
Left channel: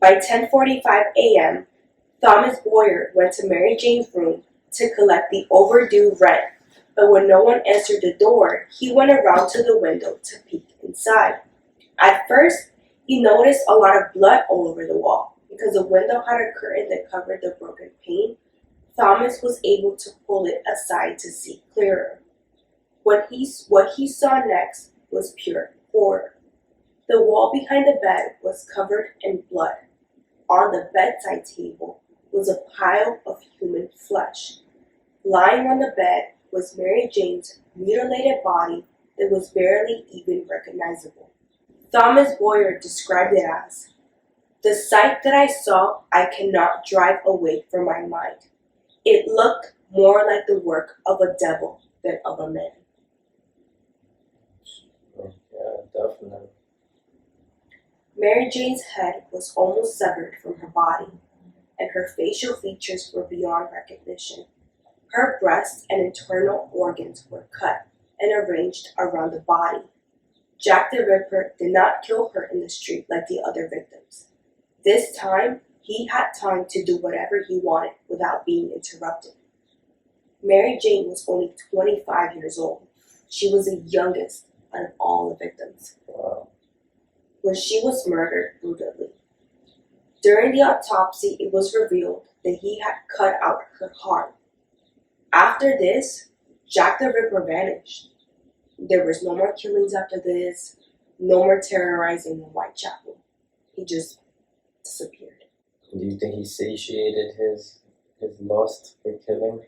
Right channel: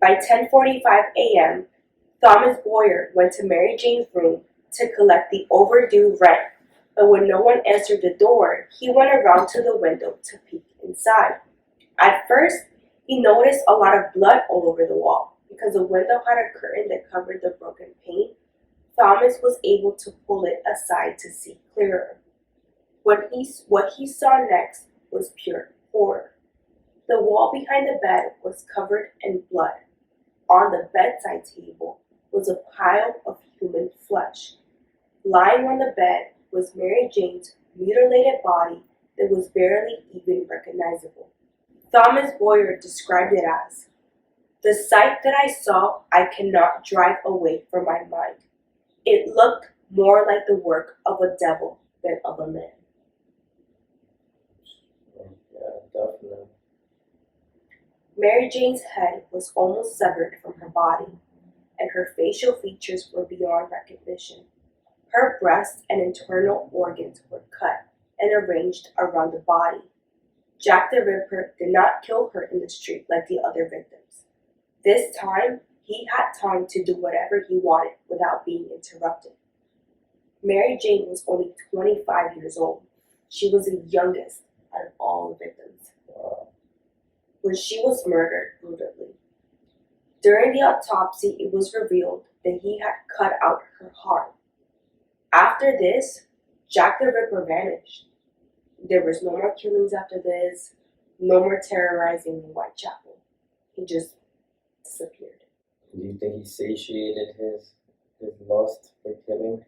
By 10:45 a.m., Thomas Boyer went to Mary Jane's room to collect the overdue rent, but when no one answered the door, he went around to the window to peek inside. At first, he noticed a lot of blood all over the wall. Because the window had a curtain that covered the broken pane, Thomas was able to pull it aside to see clearer. What he saw next was pure horror. The wall behind the bed was covered in blood. On the bedside table was a pile of human flesh. Lying on the bed was Mary Jane's mutilated body that was barely even recognizable. Thomas Boyer described it as, "The sight that I saw I cannot drive away from my mind. It looked more like the work of a devil than of a man." Yeah, definitely. Mary Jane's head was almost severed from her body, and her facial features were beyond recognition. Her breasts and internal organs were cut and arranged around the body. Jack the Ripper did not kill her in the street like the other victims. This time, he had time to do whatever he wanted without being interrupted. Mary Jane was only 25 years old. She was the youngest out of all the victims. Wow. When she was murdered brutally. During the autopsy, it was revealed that he had cut out her heart. After this, Jack the Ripper vanished. There was no more killings after this, no more terrorizing in Whitechapel. He just disappeared. Do you think he satiated his lust for killing?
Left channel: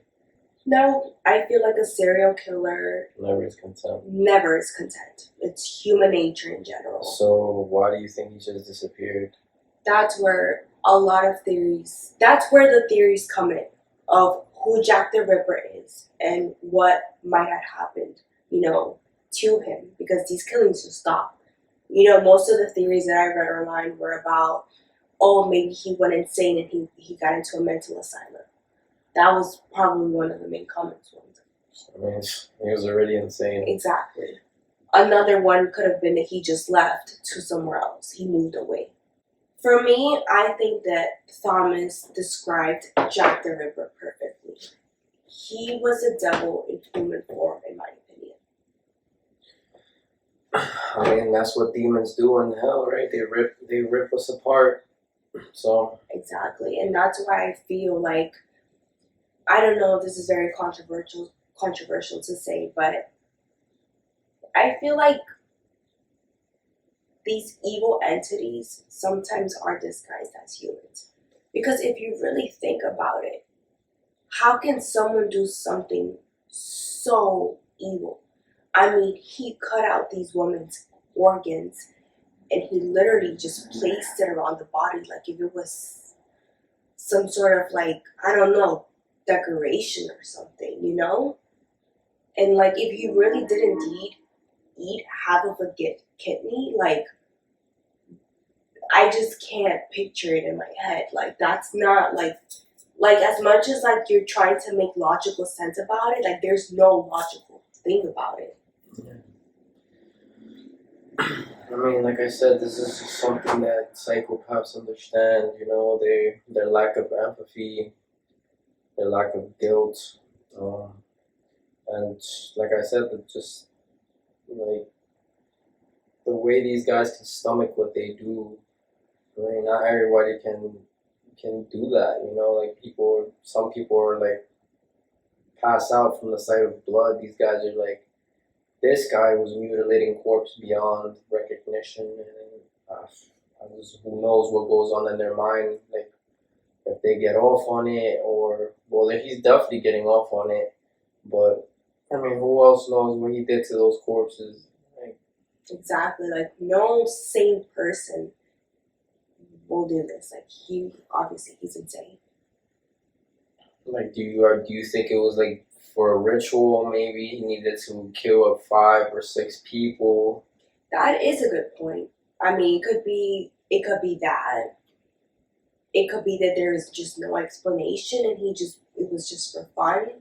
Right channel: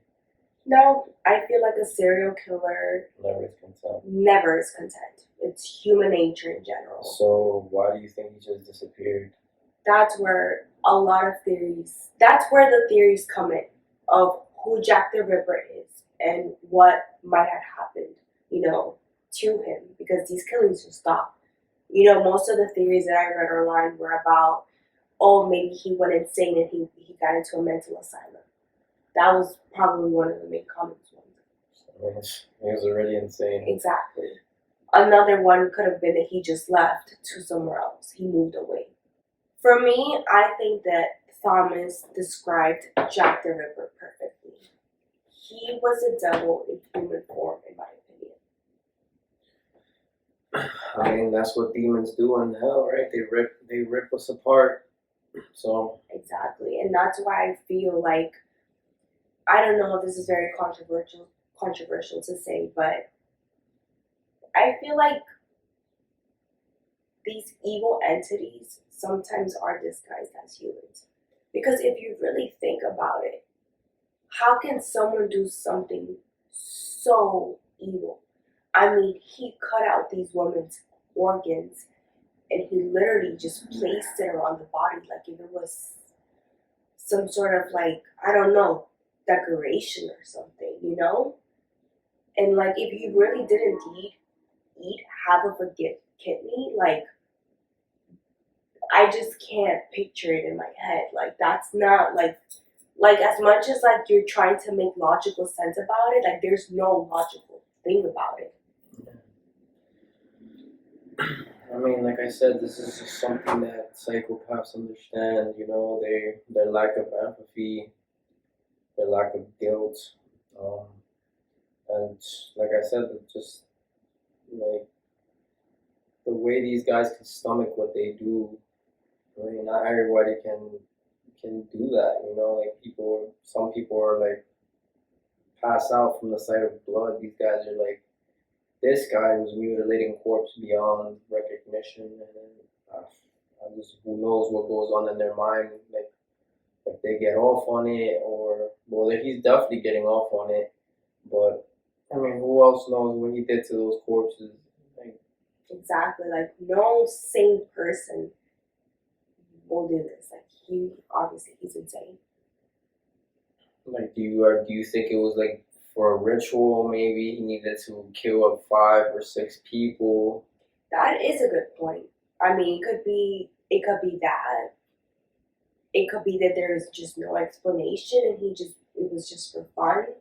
No, I feel like a serial killer Never is content. never is content. It's human nature in general. So why do you think he just disappeared? That's where the theories come in of who Jack the Ripper is and what might have happened, to him, because these killings just stop. Most of the theories that I read online were about, oh, maybe he went insane and he got into a mental asylum. That was probably one of the main comments ones. I mean, he was already insane. Exactly. Another one could have been that he just left to somewhere else. He moved away. For me, I think that Thomas described Jack the Ripper perfectly. He was a devil in human form, in my opinion. I mean, that's what demons do in hell, right? They rip us apart. So Exactly. And that's why I feel like, I don't know if this is very controversial to say, but I feel like these evil entities sometimes are disguised as humans. Because if you really think about it, how can someone do something so evil? I mean, he cut out these women's organs and he literally just placed it around the body like if it was some sort of, like, I don't know, decoration or something, And like, if you really did indeed eat half of a kidney, like, I just can't picture it in my head. Like, that's not like as much as like you're trying to make logical sense about it, like there's no logical thing about it. I mean, like I said, this is just something that psychopaths understand. Their lack of empathy, their lack of guilt, and like I said, just like the way these guys can stomach what they do. I mean, not everybody can do that. Like some people are like pass out from the sight of blood. These guys are like, this guy was mutilating corpse beyond recognition, and who knows what goes on in their mind, like if they get off on it, or well, he's definitely getting off on it. But I mean, who else knows what he did to those corpses? Like, exactly, like no sane person will do this. Like he's insane. Like, do you think it was like for a ritual? Maybe he needed to kill up 5 or 6 people. That is a good point. I mean, it could be that. It could be that there is just no explanation, and it was just for fun.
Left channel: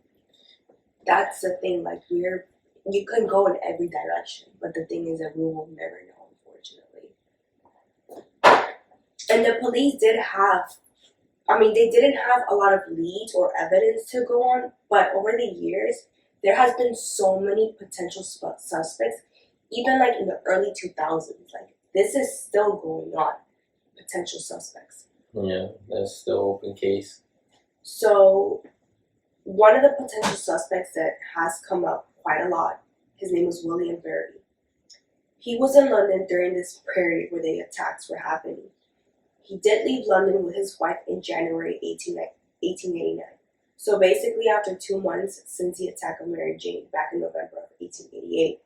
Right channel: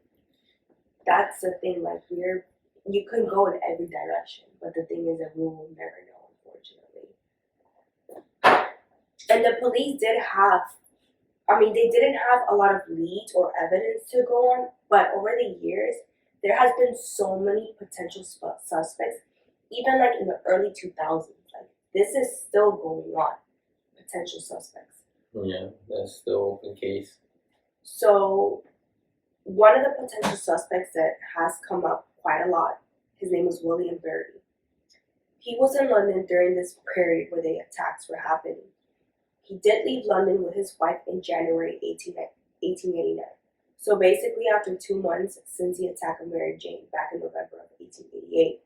that's the thing. Like you can go in every direction, but the thing is that we will never know, unfortunately. And the police did have, I mean, they didn't have a lot of leads or evidence to go on, but over the years, there has been so many potential suspects, even like in the early 2000s. Like, this is still going on, potential suspects. Yeah, that's still open case. So, one of the potential suspects that has come up quite a lot, his name was William Berry. He was in London during this period where the attacks were happening. He did leave London with his wife in January 1889. So basically, after 2 months since the attack of Mary Jane back in November of 1888.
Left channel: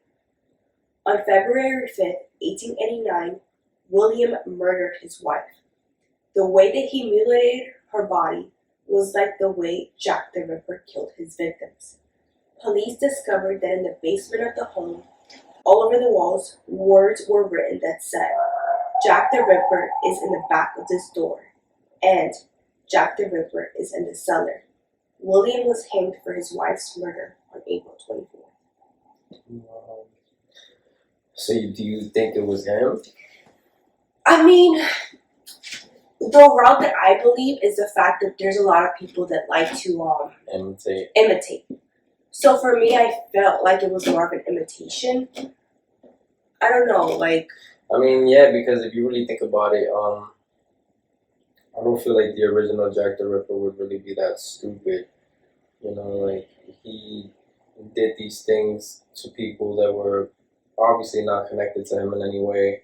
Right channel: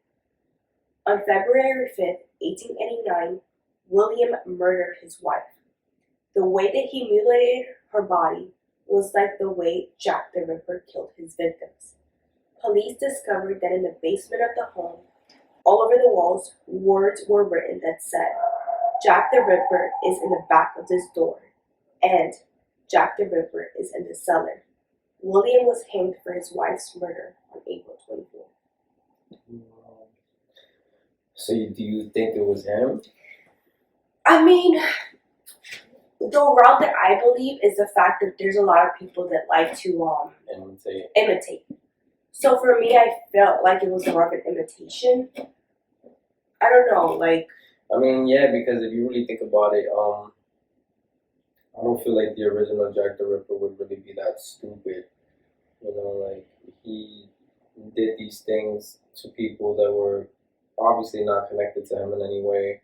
On February 5th, 1889, William murdered his wife. The way that he mutilated her body was like the way Jack the Ripper killed his victims. Police discovered that in the basement of the home, all over the walls, words were written that said, Jack the Ripper is in the back of this door, and Jack the Ripper is in the cellar. William was hanged for his wife's murder on April 24th. So do you think it was him? I mean, the route that I believe is the fact that there's a lot of people that like to imitate. So for me, I felt like it was more of an imitation. I don't know, like. I mean, yeah, because if you really think about it, I don't feel like the original Jack the Ripper would really be that stupid. You know, like he did these things to people that were obviously not connected to him in any way,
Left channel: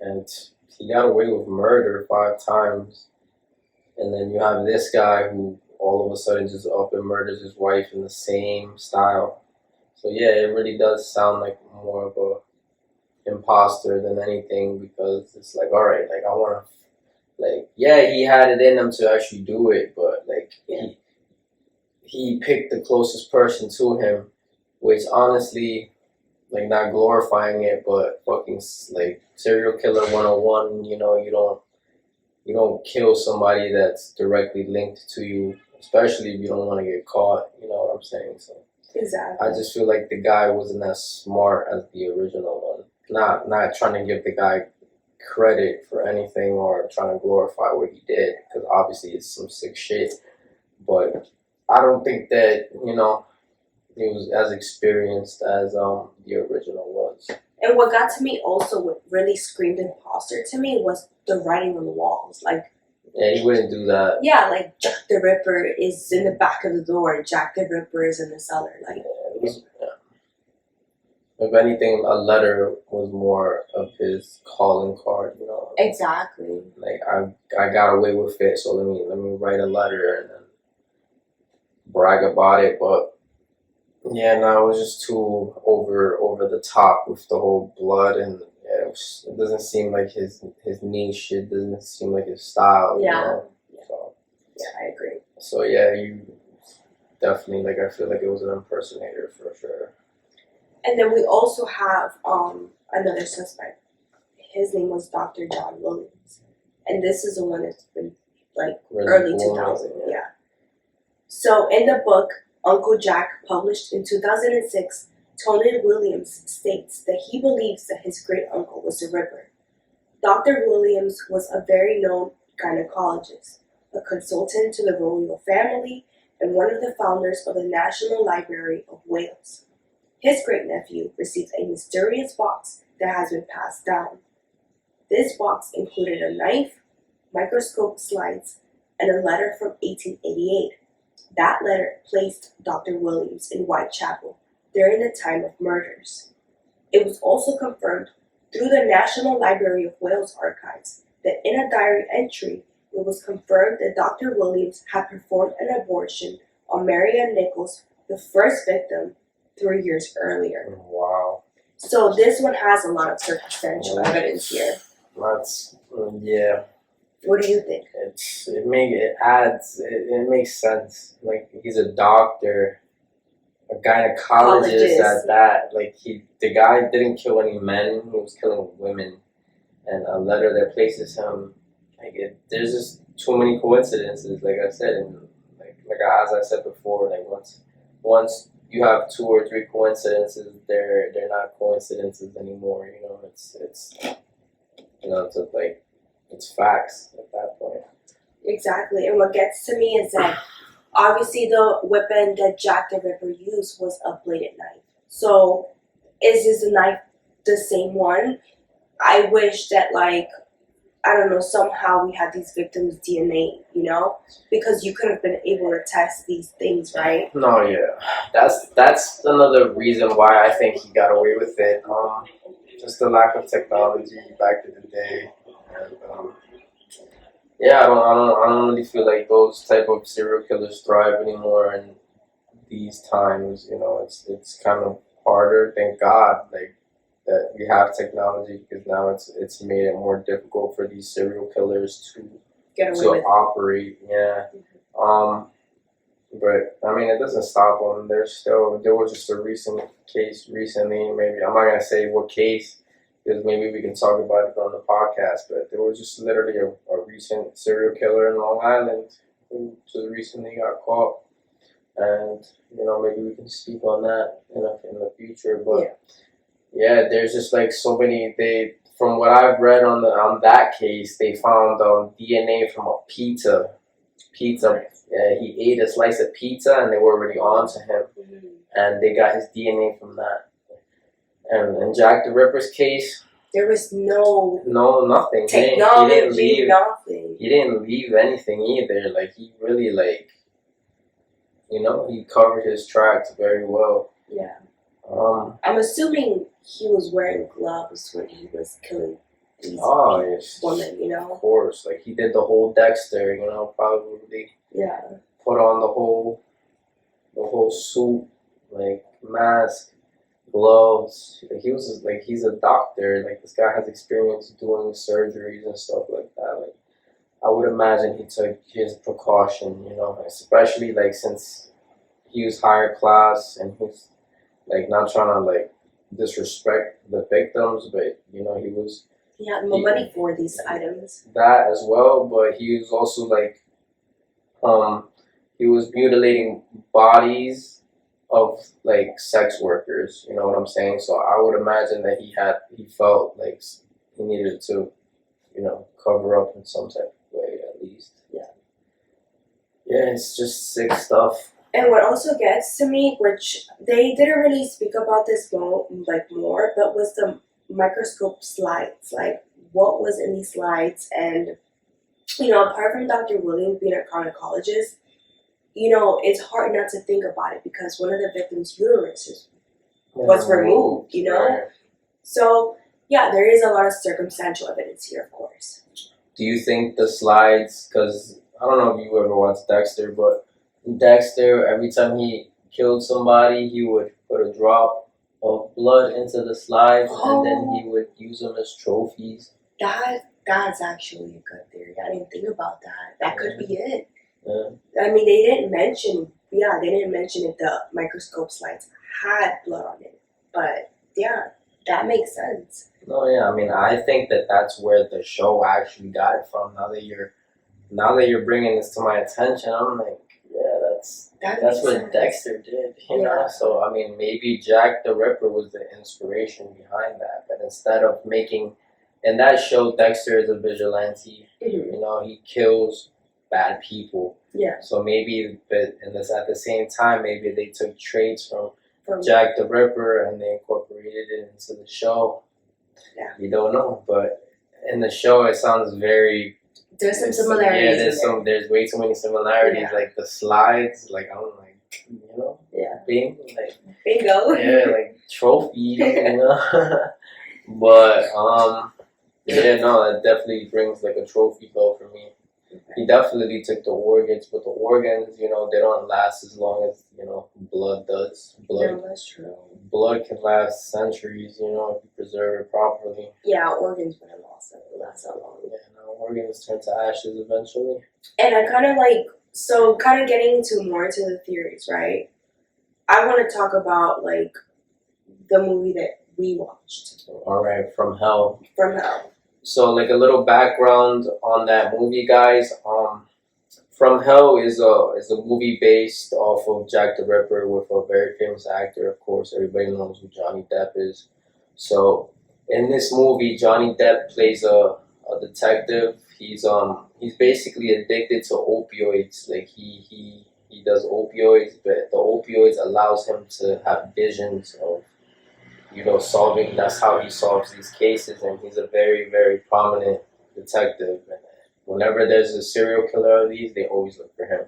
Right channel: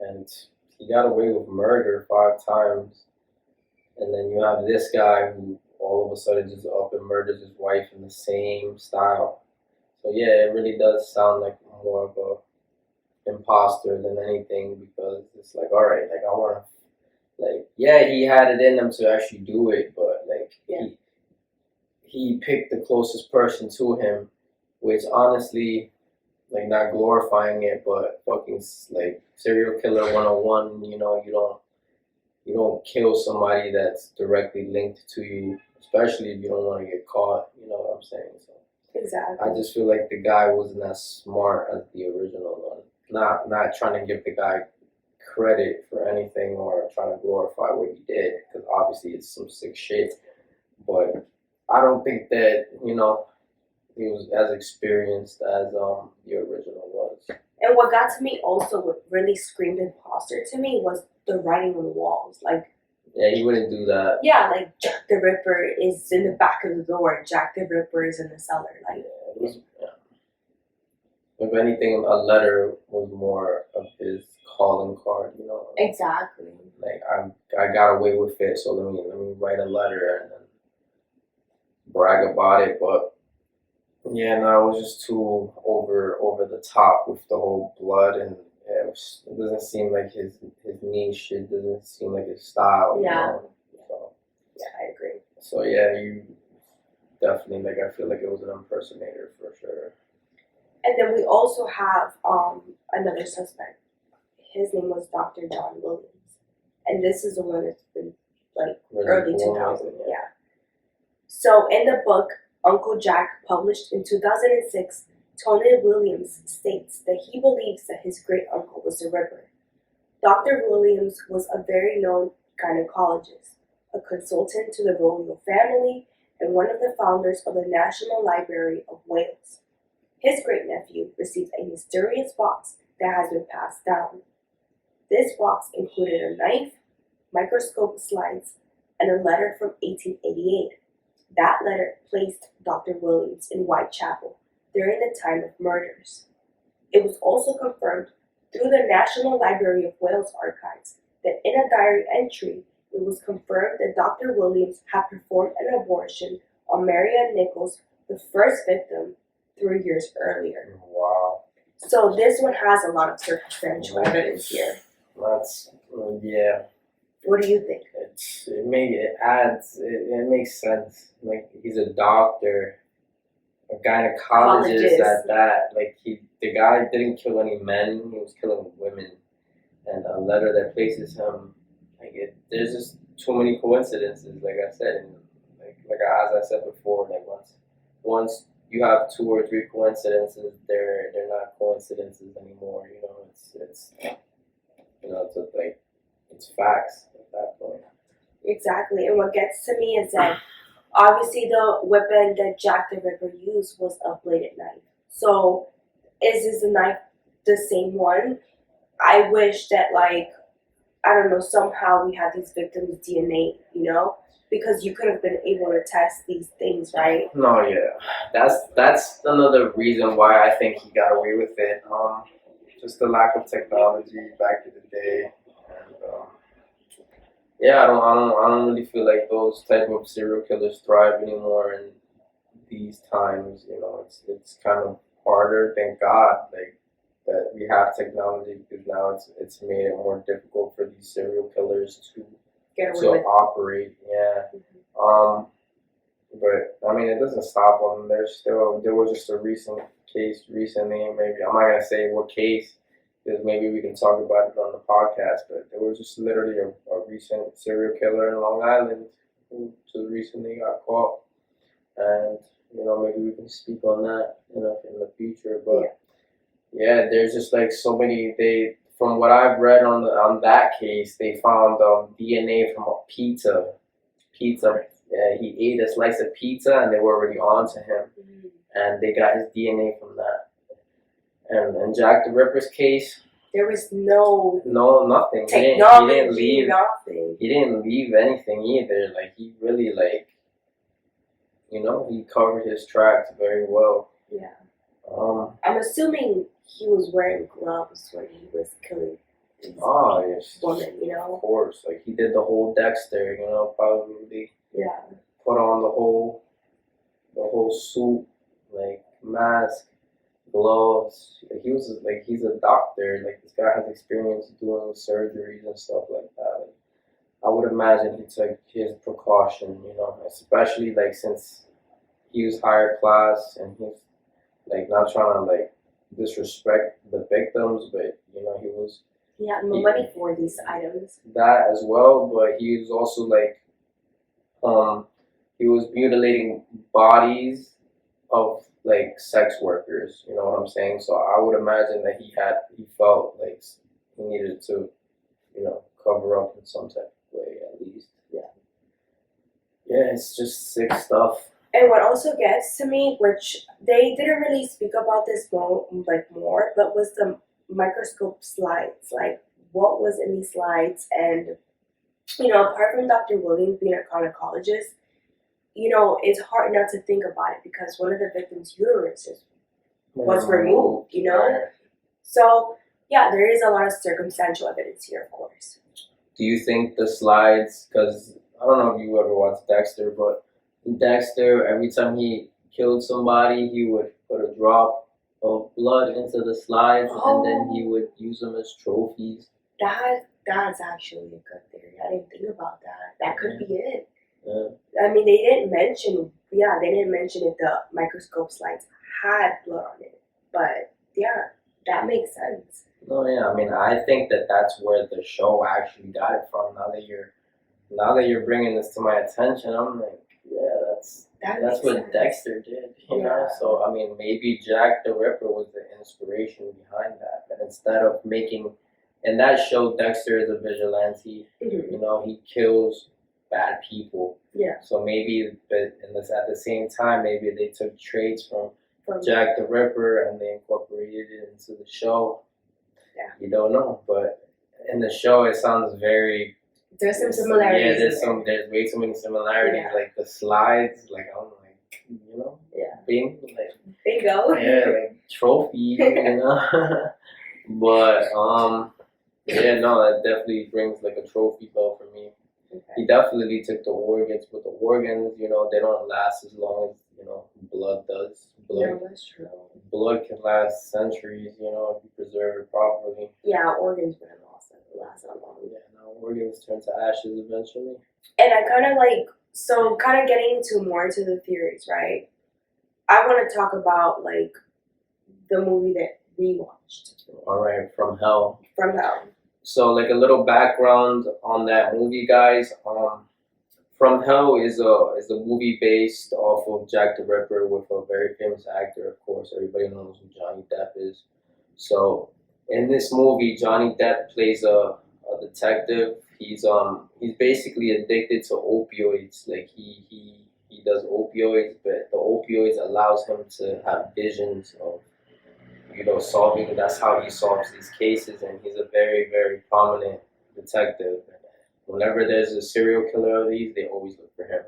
and he got away with murder 5 times. And then you have this guy who all of a sudden just up and murders his wife in the same style. So yeah, it really does sound like more of a imposter than anything, because it's like, all right, like I want to, like, yeah, he had it in him to actually do it, but like he picked the closest person to him, which honestly, like, not glorifying it, but fucking like serial killer 101. You know, you don't kill somebody that's directly linked to you, especially if you don't want to get caught. You know what I'm saying? So Exactly. I just feel like the guy wasn't as smart as the original one. Not trying to give the guy credit for anything or trying to glorify what he did, because obviously it's some sick shit. But I don't think that, you know, he was as experienced as the original was. And what got to me also, what really screamed imposter to me, was the writing on the walls. Like, yeah, he wouldn't do that. Yeah, like Jack the Ripper is in the back of the door, Jack the Ripper is in the cellar. Like, if anything, a letter was more of his calling card, you know. Exactly. Like I got away with it, so let me write a letter and then brag about it. But yeah, no, it was just too over the top with the whole blood, and yeah, it doesn't seem like his niche. It doesn't seem like his style. Yeah. You know? So, yeah, I agree. So yeah, you definitely, like, I feel like it was an impersonator for sure. And then we also have another suspect. His name was Dr. John Williams, and this is the one that's been like really early 2000s. Yeah. So in the book Uncle Jack, published in 2006, Tony Williams states that he believes that his great uncle was the Ripper. Dr. Williams was a very known gynecologist, a consultant to the royal family, and one of the founders of the National Library of Wales. His great-nephew received a mysterious box that has been passed down. This box included a knife, microscope slides, and a letter from 1888. That letter placed Dr. Williams in Whitechapel during the time of murders. It was also confirmed through the National Library of Wales archives that in a diary entry, it was confirmed that Dr. Williams had performed an abortion on Marianne Nichols, the first victim, 3 years earlier. Wow. So this one has a lot of circumstantial evidence here. That's, yeah. What do you think? It makes sense. Like, he's a doctor, a gynecologist at that. Like, the guy didn't kill any men, he was killing women. And a letter that places him, there's just too many coincidences, like I said, and like as I said before, like once you have two or three coincidences, they're not coincidences anymore. It's it's like it's facts at that point. Exactly. And what gets to me is that obviously the weapon that Jack the Ripper used was a bladed knife. So is this a knife the same one? I wish that I don't know, somehow we had these victims' DNA, because you could have been able to test these things, right? No, yeah, that's another reason why I think he got away with it. Just the lack of technology back in the day, and yeah, I don't really feel like those type of serial killers thrive anymore in these times. It's kind of harder. Thank God, like that we have technology because now it's made it more difficult for these serial killers Get away to with it. operate. Yeah. But I mean, it doesn't stop them. There was just a recent case recently. Maybe I'm not gonna say what case because maybe we can talk about it on the podcast. But there was just literally a recent serial killer in Long Island who just recently got caught, and maybe we can speak on that in the future. But yeah, there's just like so many. From what I've read on that case, they found DNA from a pizza. Yeah, he ate a slice of pizza and they were already on to him, and they got his DNA from that. And in Jack the Ripper's case, there was no nothing. technology, he didn't leave. nothing. He didn't leave anything either. Like he really he covered his tracks very well. Yeah. I'm assuming he was wearing gloves when he was killing these women, Of course, like he did the whole Dexter, probably put on the whole suit, like mask, gloves. He's a doctor. Like this guy has experience doing surgeries and stuff like that. Like I would imagine he took his precaution, especially like since he was higher class and he's like not trying to like disrespect the victims, but he had no money for these items. That as well, but he was also like he was mutilating bodies of like sex workers. You know what I'm saying? So I would imagine that he felt like he needed to, cover up in some type of way at least. Yeah, it's just sick stuff. And what also gets to me, which they didn't really speak about this more, but was the microscope slides. Like, what was in these slides? And, apart from Dr. Williams being a gynecologist, it's hard not to think about it because one of the victims' uteruses was removed, Right. So, yeah, there is a lot of circumstantial evidence here, of course. Do you think the slides, because I don't know if you ever watched Dexter, but Dexter, every time he killed somebody, he would put a drop of blood into the slides, and then he would use them as trophies. That's actually a good theory. I didn't think about that. That could be it. Yeah. I mean, they didn't mention if the microscope slides had blood on it, but yeah, that makes sense. No, yeah, I mean, I think that's where the show actually got it from. Now that you're bringing this to my attention, I'm like, yeah, that's what sense. Dexter did, you know. So I mean, maybe Jack the Ripper was the inspiration behind that, but instead of making, in that show, Dexter is a vigilante. Mm-hmm. He kills bad people. Yeah. So maybe, but at the same time, maybe they took traits from Jack the Ripper and they incorporated it into the show. Yeah. You don't know, but in the show, it sounds very. There's some similarities. Yeah, there's way too many similarities. Yeah. Like the slides, like I'm like, Yeah. Bingo. Yeah, like trophies, But yeah, no, that definitely brings like a trophy though for me. Okay. He definitely took the organs, but the organs, they don't last as long as blood does. No, that's true. Blood can last centuries, if you preserve it properly. Yeah, organs wouldn't last that long. Yeah, no, organs turn to ashes eventually. And I kind of getting more into the theories, right? I want to talk about the movie that we watched. All right, From Hell. From Hell. So, like a little background on that movie, guys. From Hell is a movie based off of Jack the Ripper with a very famous actor, of course. Everybody knows who Johnny Depp is. So in this movie, Johnny Depp plays a detective. He's basically addicted to opioids. Like he does opioids, but the opioids allows him to have visions of solving. That's how he solves these cases, and he's a very, very prominent detective. And whenever there's a serial killer of these, they always look for him.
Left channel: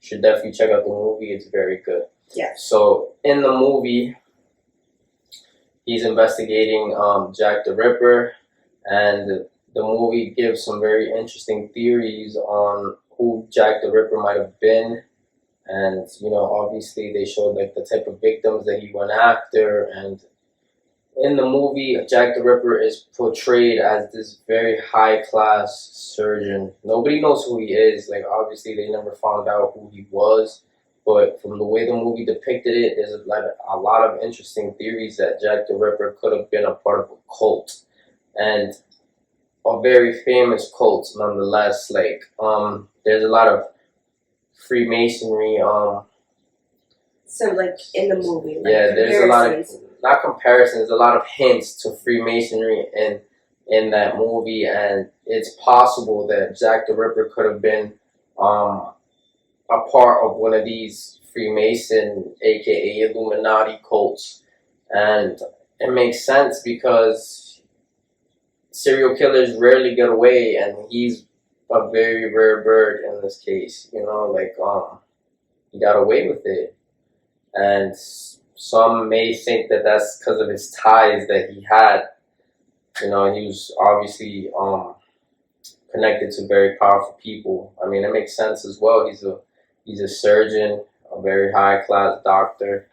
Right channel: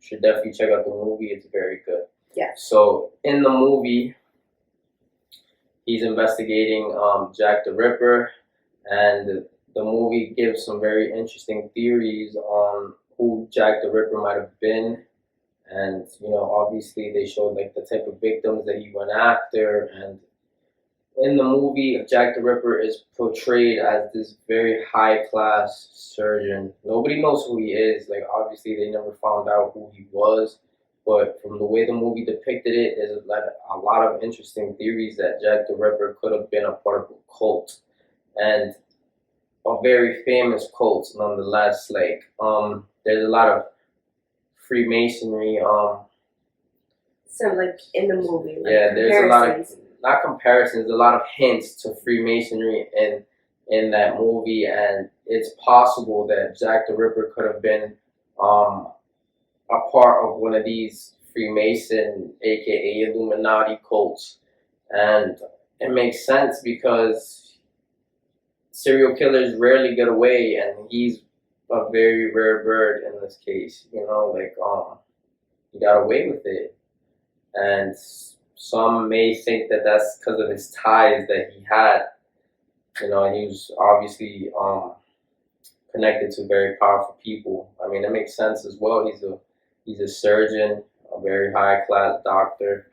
You should definitely check out the movie. It's very good. Yeah. So in the movie, he's investigating Jack the Ripper, and the movie gives some very interesting theories on who Jack the Ripper might have been. And obviously they showed like the type of victims that he went after. And in the movie, Jack the Ripper is portrayed as this very high class surgeon. Nobody knows who he is. Like obviously they never found out who he was, but from the way the movie depicted it, there's a lot of interesting theories that Jack the Ripper could have been a part of a cult, and a very famous cult nonetheless. Like there's a lot of Freemasonry. So like in the movie, like Yeah, there's a lot of not comparisons, a lot of hints to Freemasonry in that movie, and it's possible that Jack the Ripper could have been a part of one of these Freemason, aka Illuminati cults, and it makes sense because serial killers rarely get away, and he's a very rare bird in this case. He got away with it, and some may think that that's because of his ties that he had. He was obviously connected to very powerful people. I mean, it makes sense as well. He's a surgeon, a very high class doctor.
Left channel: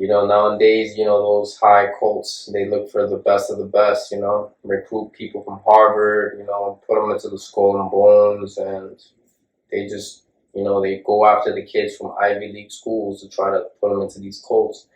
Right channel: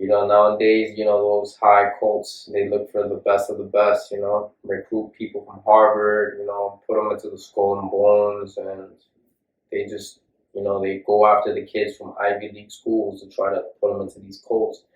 Nowadays, those high cults, they look for the best of the best. Recruit people from Harvard. Put them into the Skull and Bones, and they just they go after the kids from Ivy League schools to try to put them into these cults,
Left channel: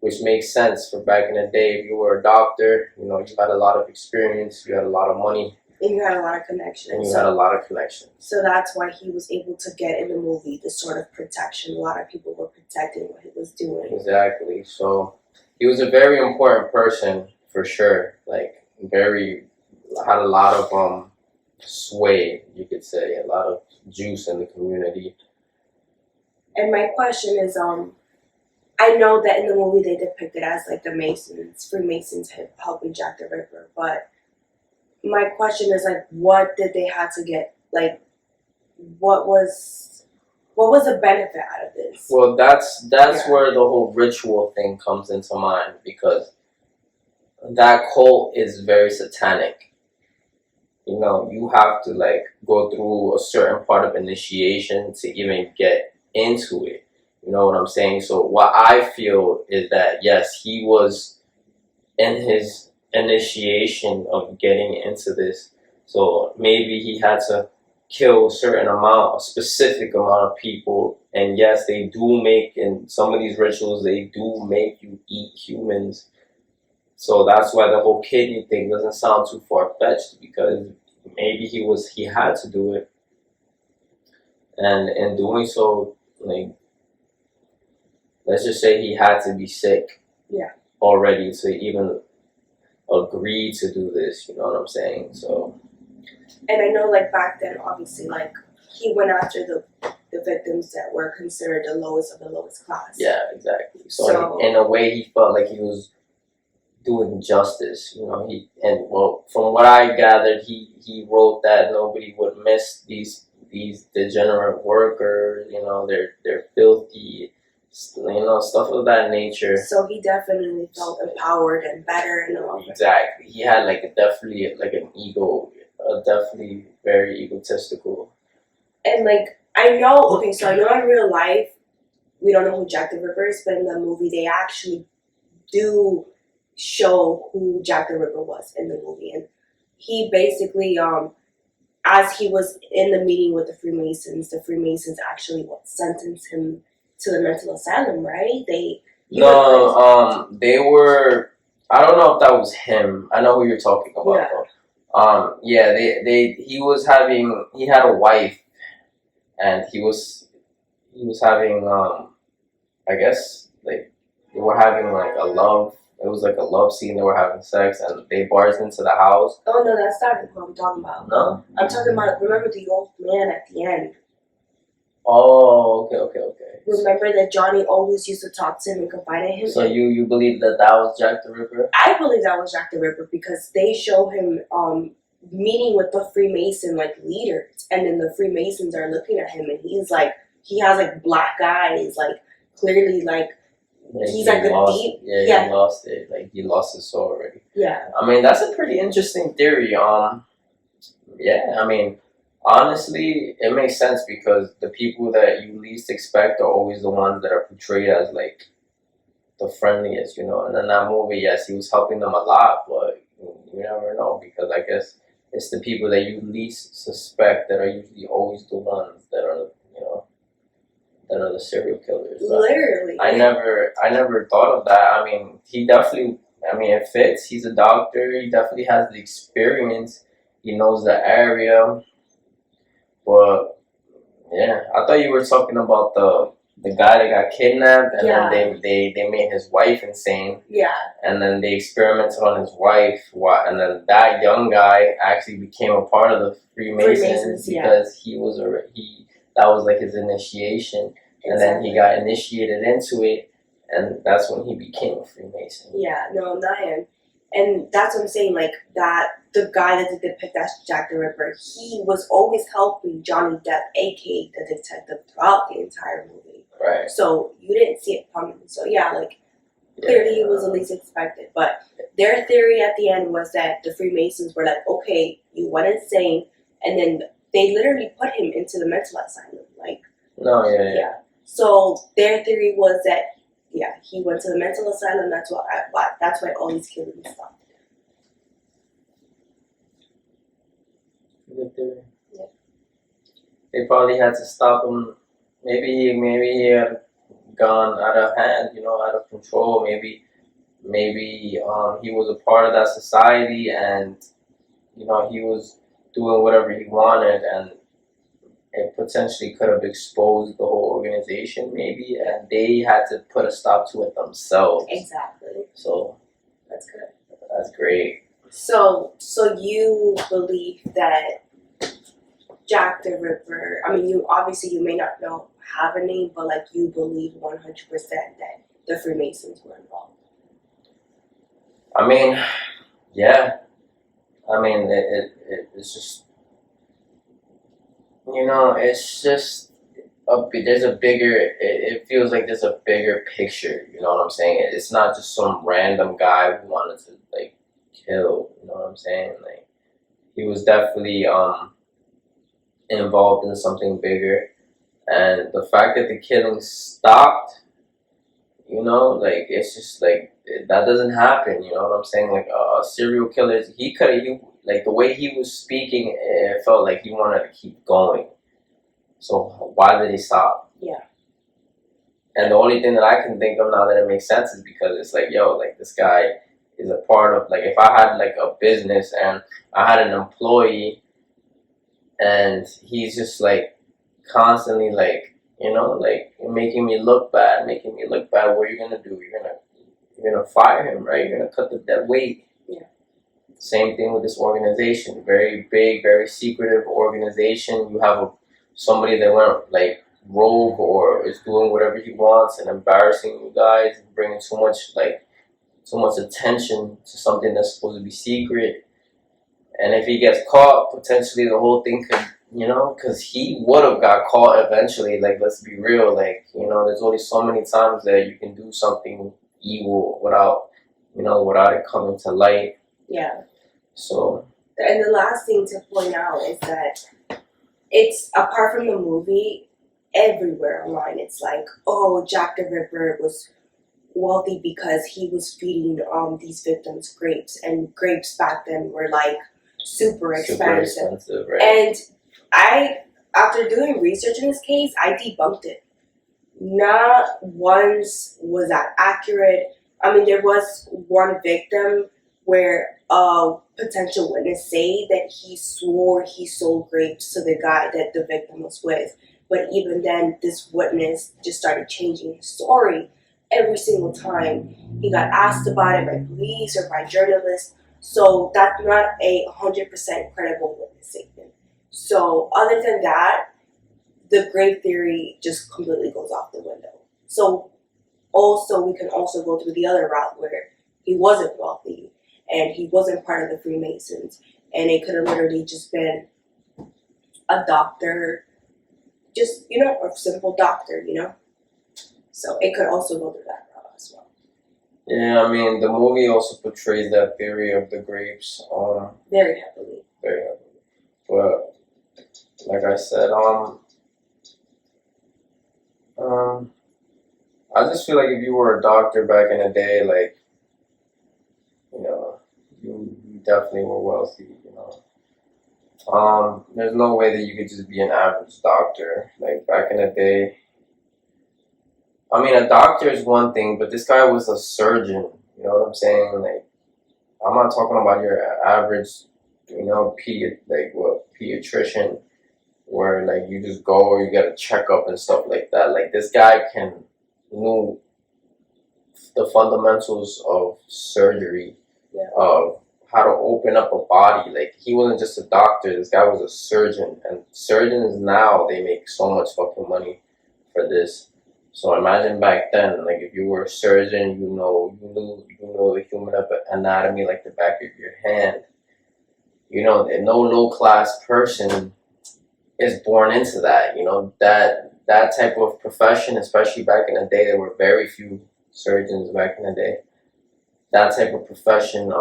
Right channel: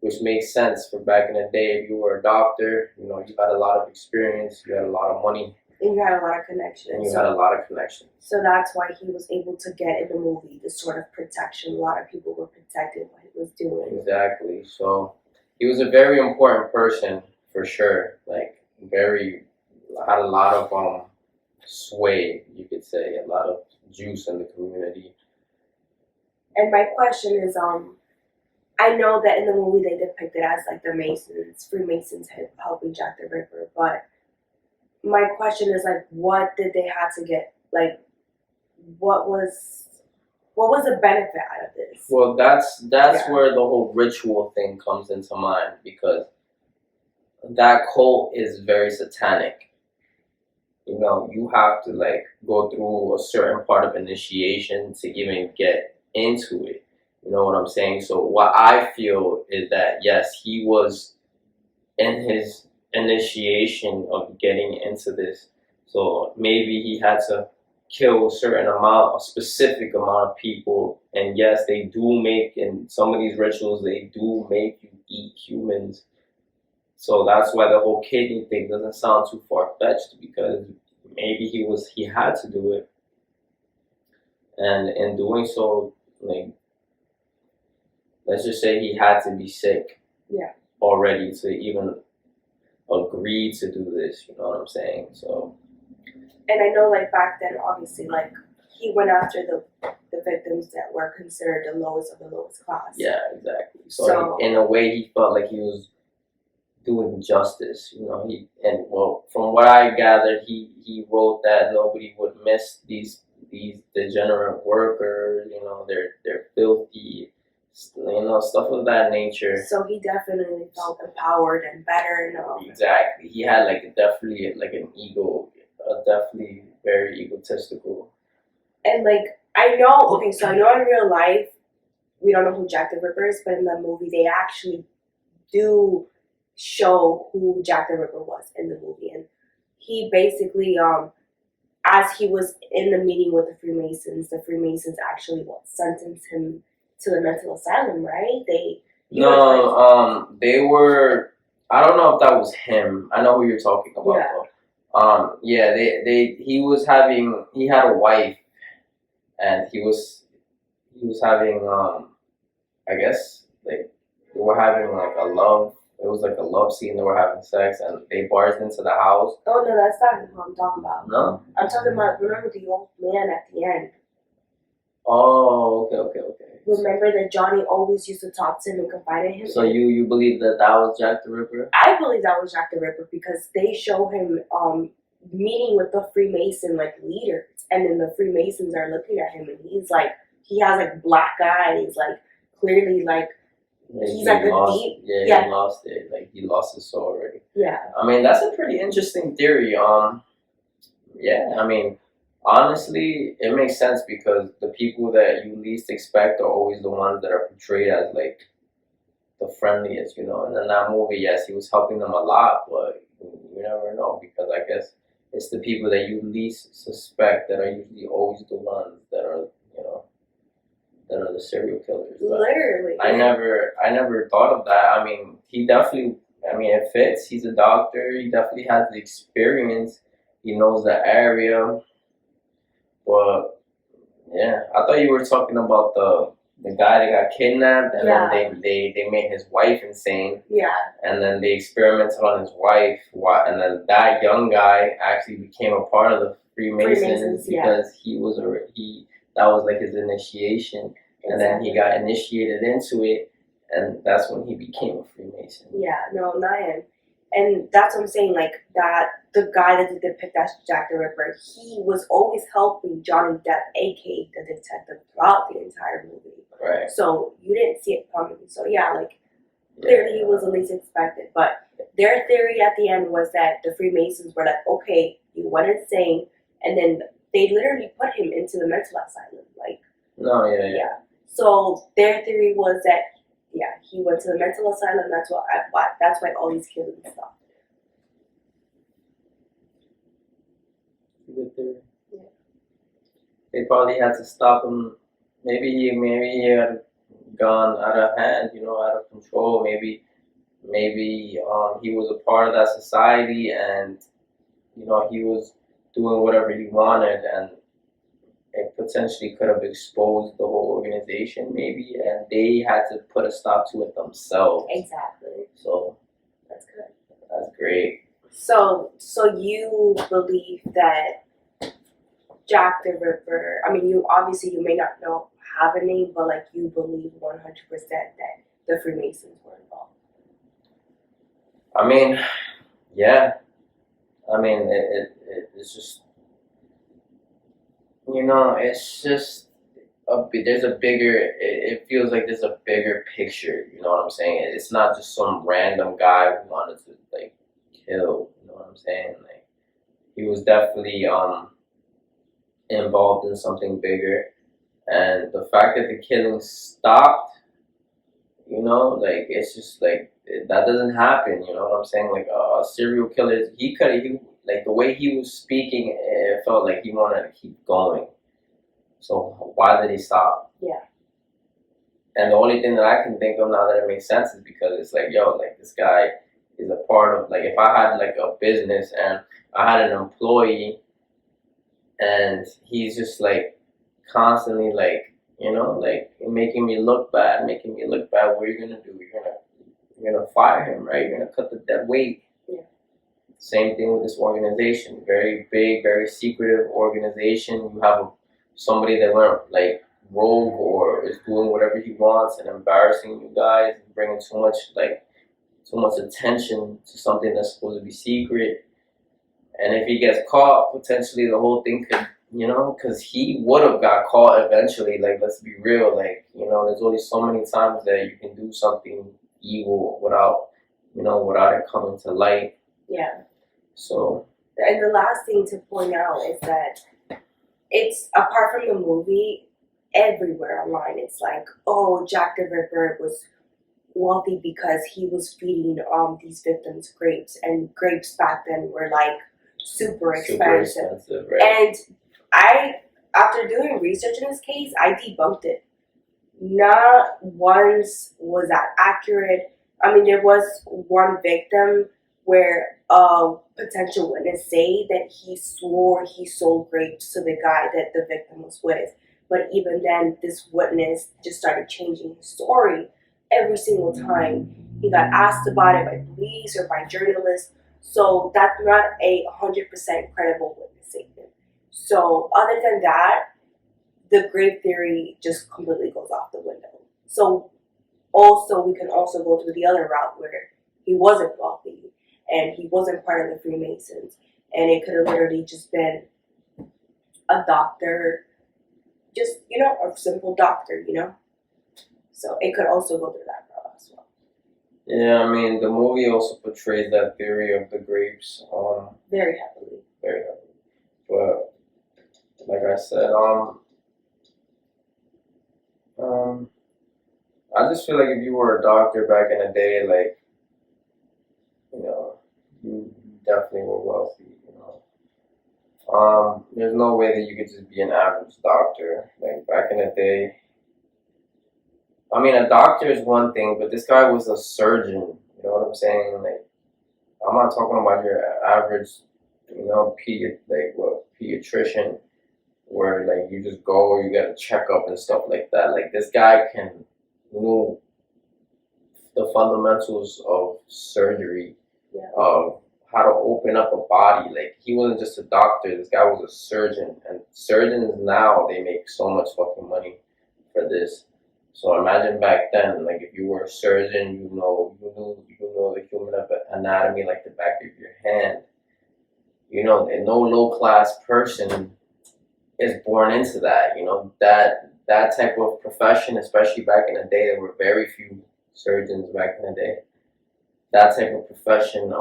which makes sense for back in the day. If you were a doctor, you had a lot of experience, you had a lot of money, and you had a lot of connections. And you had a lot of connections. So that's why he was able to get in the movie the sort of protection. A lot of people were protecting what he was doing. Exactly. So he was a very important person for sure. Like had a lot of sway, you could say, a lot of juice in the community. And my question is, I know that in the movie they depict it as like the Freemasons helping Jack the Ripper, but my question is like, what did they have to get? Like, what was the benefit out of this? Well, that's where the whole ritual thing comes into mind, because that cult is very satanic. You have to like go through a certain part of initiation to even get into it. You know what I'm saying? So what I feel is that yes, he was in his initiation of getting into this. So maybe he had to kill a specific amount of people. And yes, they do make, in some of these rituals, they do make you eat humans. So that's why the whole kidney thing doesn't sound too far-fetched, because maybe he had to do it. And in doing so, like, let's just say he had to be sick already to even agree to do this, you know what I'm saying? So, and I know like back then, obviously, like he went after the victims that were considered the lowest of the lowest class. Yeah, exactly. So in a way, he felt like he was doing justice, from what I gathered, he wrote that nobody would miss these degenerate workers, they're filthy, stuff of that nature. So he definitely felt empowered and better and all. Exactly. He had definitely an ego, definitely very egotistical. And I know in real life we don't know who Jack the Ripper is, but in the movie they actually do show who Jack the Ripper was in the movie, and he basically as he was in the meeting with the Freemasons actually sentenced him to the mental asylum, right? They were. I don't know if that was him. I know who you're talking about. Yeah. Though. He had a wife, and he was having I guess like they were having like a love. It was like a love scene. They were having sex, and they barged into the house. Oh no, that's not who I'm talking about. No. I'm talking about, remember the old man at the end? Oh, okay. Remember that Johnny always used to talk to him and confide in him? So you believe that was Jack the Ripper? I believe that was Jack the Ripper because they show him meeting with the Freemason like leaders, and then the Freemasons are looking at him, and he's like, he has like black eyes, like clearly like he's like a deep. Yeah, he lost it. Like he lost his soul already. Yeah. I mean, that's a pretty interesting theory. Yeah, I mean, honestly, it makes sense because the people that you least expect are always the ones that are portrayed as like the friendliest, you know. And in that movie, yes, he was helping them a lot, but you never know because I guess it's the people that you least suspect that are usually always the ones that are, you know, that are the serial killers. But literally. I never thought of that. I mean, he definitely. I mean, it fits. He's a doctor. He definitely has the experience. He knows the area. But yeah, I thought you were talking about the guy that got kidnapped, and then they made his wife insane. Yeah. And then they experimented on his wife, and then that young guy actually became a part of the Freemasons because that was like his initiation, and then he got initiated into it, and that's when he became a Freemason. Yeah, no, not him. And that's what I'm saying, like that the guy that they depict as Jack the Ripper, he was always helping Johnny Depp, aka the detective, throughout the entire movie. Right. So you didn't see it coming. So yeah, like clearly he was the least expected. But their theory at the end was that the Freemasons were like, okay, you went insane, and then they literally put him into the mental asylum. Like, no, yeah. So their theory was that he went to the mental asylum. That's why all these killings stopped. Good theory. Yeah. They probably had to stop him. Maybe he had gone out of hand, you know, out of control. Maybe he was a part of that society, and you know he was doing whatever he wanted, and it potentially could have exposed the whole organization, maybe, and they had to put a stop to it themselves. Exactly. So that's good. That's great. So you believe that Jack the Ripper? I mean, you may not have a name, but like you believe 100% that the Freemasons were involved. I mean, yeah. I mean, it's just, you know, it's just there's a bigger. It feels like there's a bigger picture. You know what I'm saying? It's not just some random guy who wanted to like kill. You know what I'm saying? Like he was definitely involved in something bigger, and the fact that the killing stopped, you know, like it's just like that doesn't happen. You know what I'm saying? Like serial killers, he like the way he was speaking, it felt like he wanted to keep going. So why did he stop? Yeah. And the only thing that I can think of now that it makes sense is because it's like, yo, like this guy is a part of, like, if I had like a business and I had an employee and he's just like constantly like, you know, like making me look bad, what are you gonna do? You're gonna fire him, right? You're gonna cut the dead weight. Yeah. Same thing with this organization. Very big, very secretive organization. You have somebody that went like rogue or is doing whatever he wants and embarrassing you guys, bringing too much attention to something that's supposed to be secret. And if he gets caught, potentially the whole thing could, you know, because he would have got caught eventually. Like, let's be real. Like, you know, there's only so many times that you can do something evil without it coming to light. Yeah. So. And the last thing to point out is that it's, apart from the movie, everywhere online it's like, oh, Jack the Ripper was wealthy because he was feeding these victims grapes, and grapes back then were like super expensive. Right? And after doing research in this case, I debunked it. Not once was that accurate. I mean, there was one victim where a potential witness say that he swore he sold grapes to the guy that the victim was with. But even then, this witness just started changing his story every single time he got asked about it by police or by journalists. So that's not a 100% credible witness statement. So other than that, the grave theory just completely goes off the window. So also we can also go through the other route where he wasn't wealthy and he wasn't part of the Freemasons, and it could have literally just been a doctor, just a simple doctor, So it could also go through that route as well. Yeah, I mean, the movie also portrays that theory of the grapes, Very heavily. very heavily. But like I said, I just feel like if you were a doctor back in the day, like, you definitely were wealthy. There's no way that you could just be an average doctor. Like back in the day, I mean, a doctor is one thing, but this guy was a surgeon. You know what I'm saying? Like, I'm not talking about your average, pediatrician, where like you just go, you get a checkup and stuff like that. Like this guy knew the fundamentals of surgery, Yeah. of how to open up a body. Like he wasn't just a doctor. This guy was a surgeon, and surgeons now they make so much fucking money for this. So imagine back then, like if you were a surgeon, you know the human anatomy like the back of your hand. And no low class person is born into that. That type of profession, especially back in the day, there were very few surgeons back in the day. That type of profession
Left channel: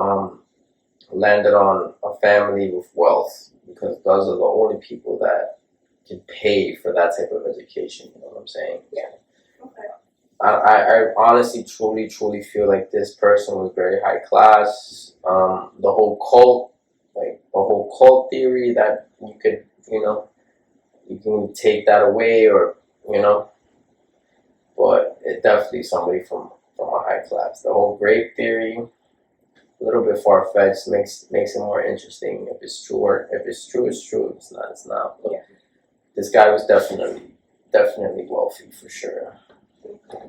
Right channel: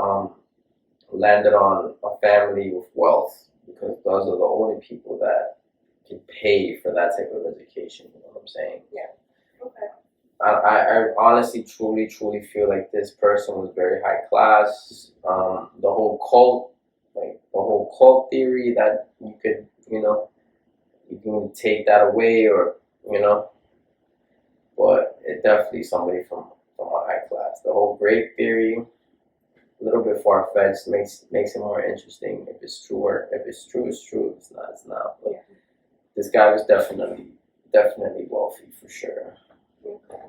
landed on a family with wealth, because those are the only people that can pay for that type of education. You know what I'm saying? Yeah. Okay. I honestly, truly, truly feel like this person was very high class. The whole cult theory that you could, you can take that away, or but it definitely somebody from a high class. The whole grape theory, a little bit far fetched, makes it more interesting. If it's true, it's true. If it's not, it's not. But yeah. This guy was definitely wealthy for sure. Okay.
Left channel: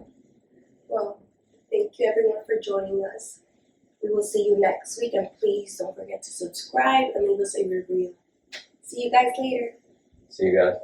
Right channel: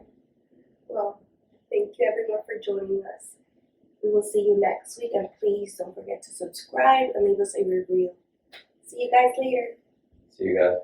Well, thank you everyone for joining us. We will see you next week, and please don't forget to subscribe and leave us a review. See you guys later. See you guys.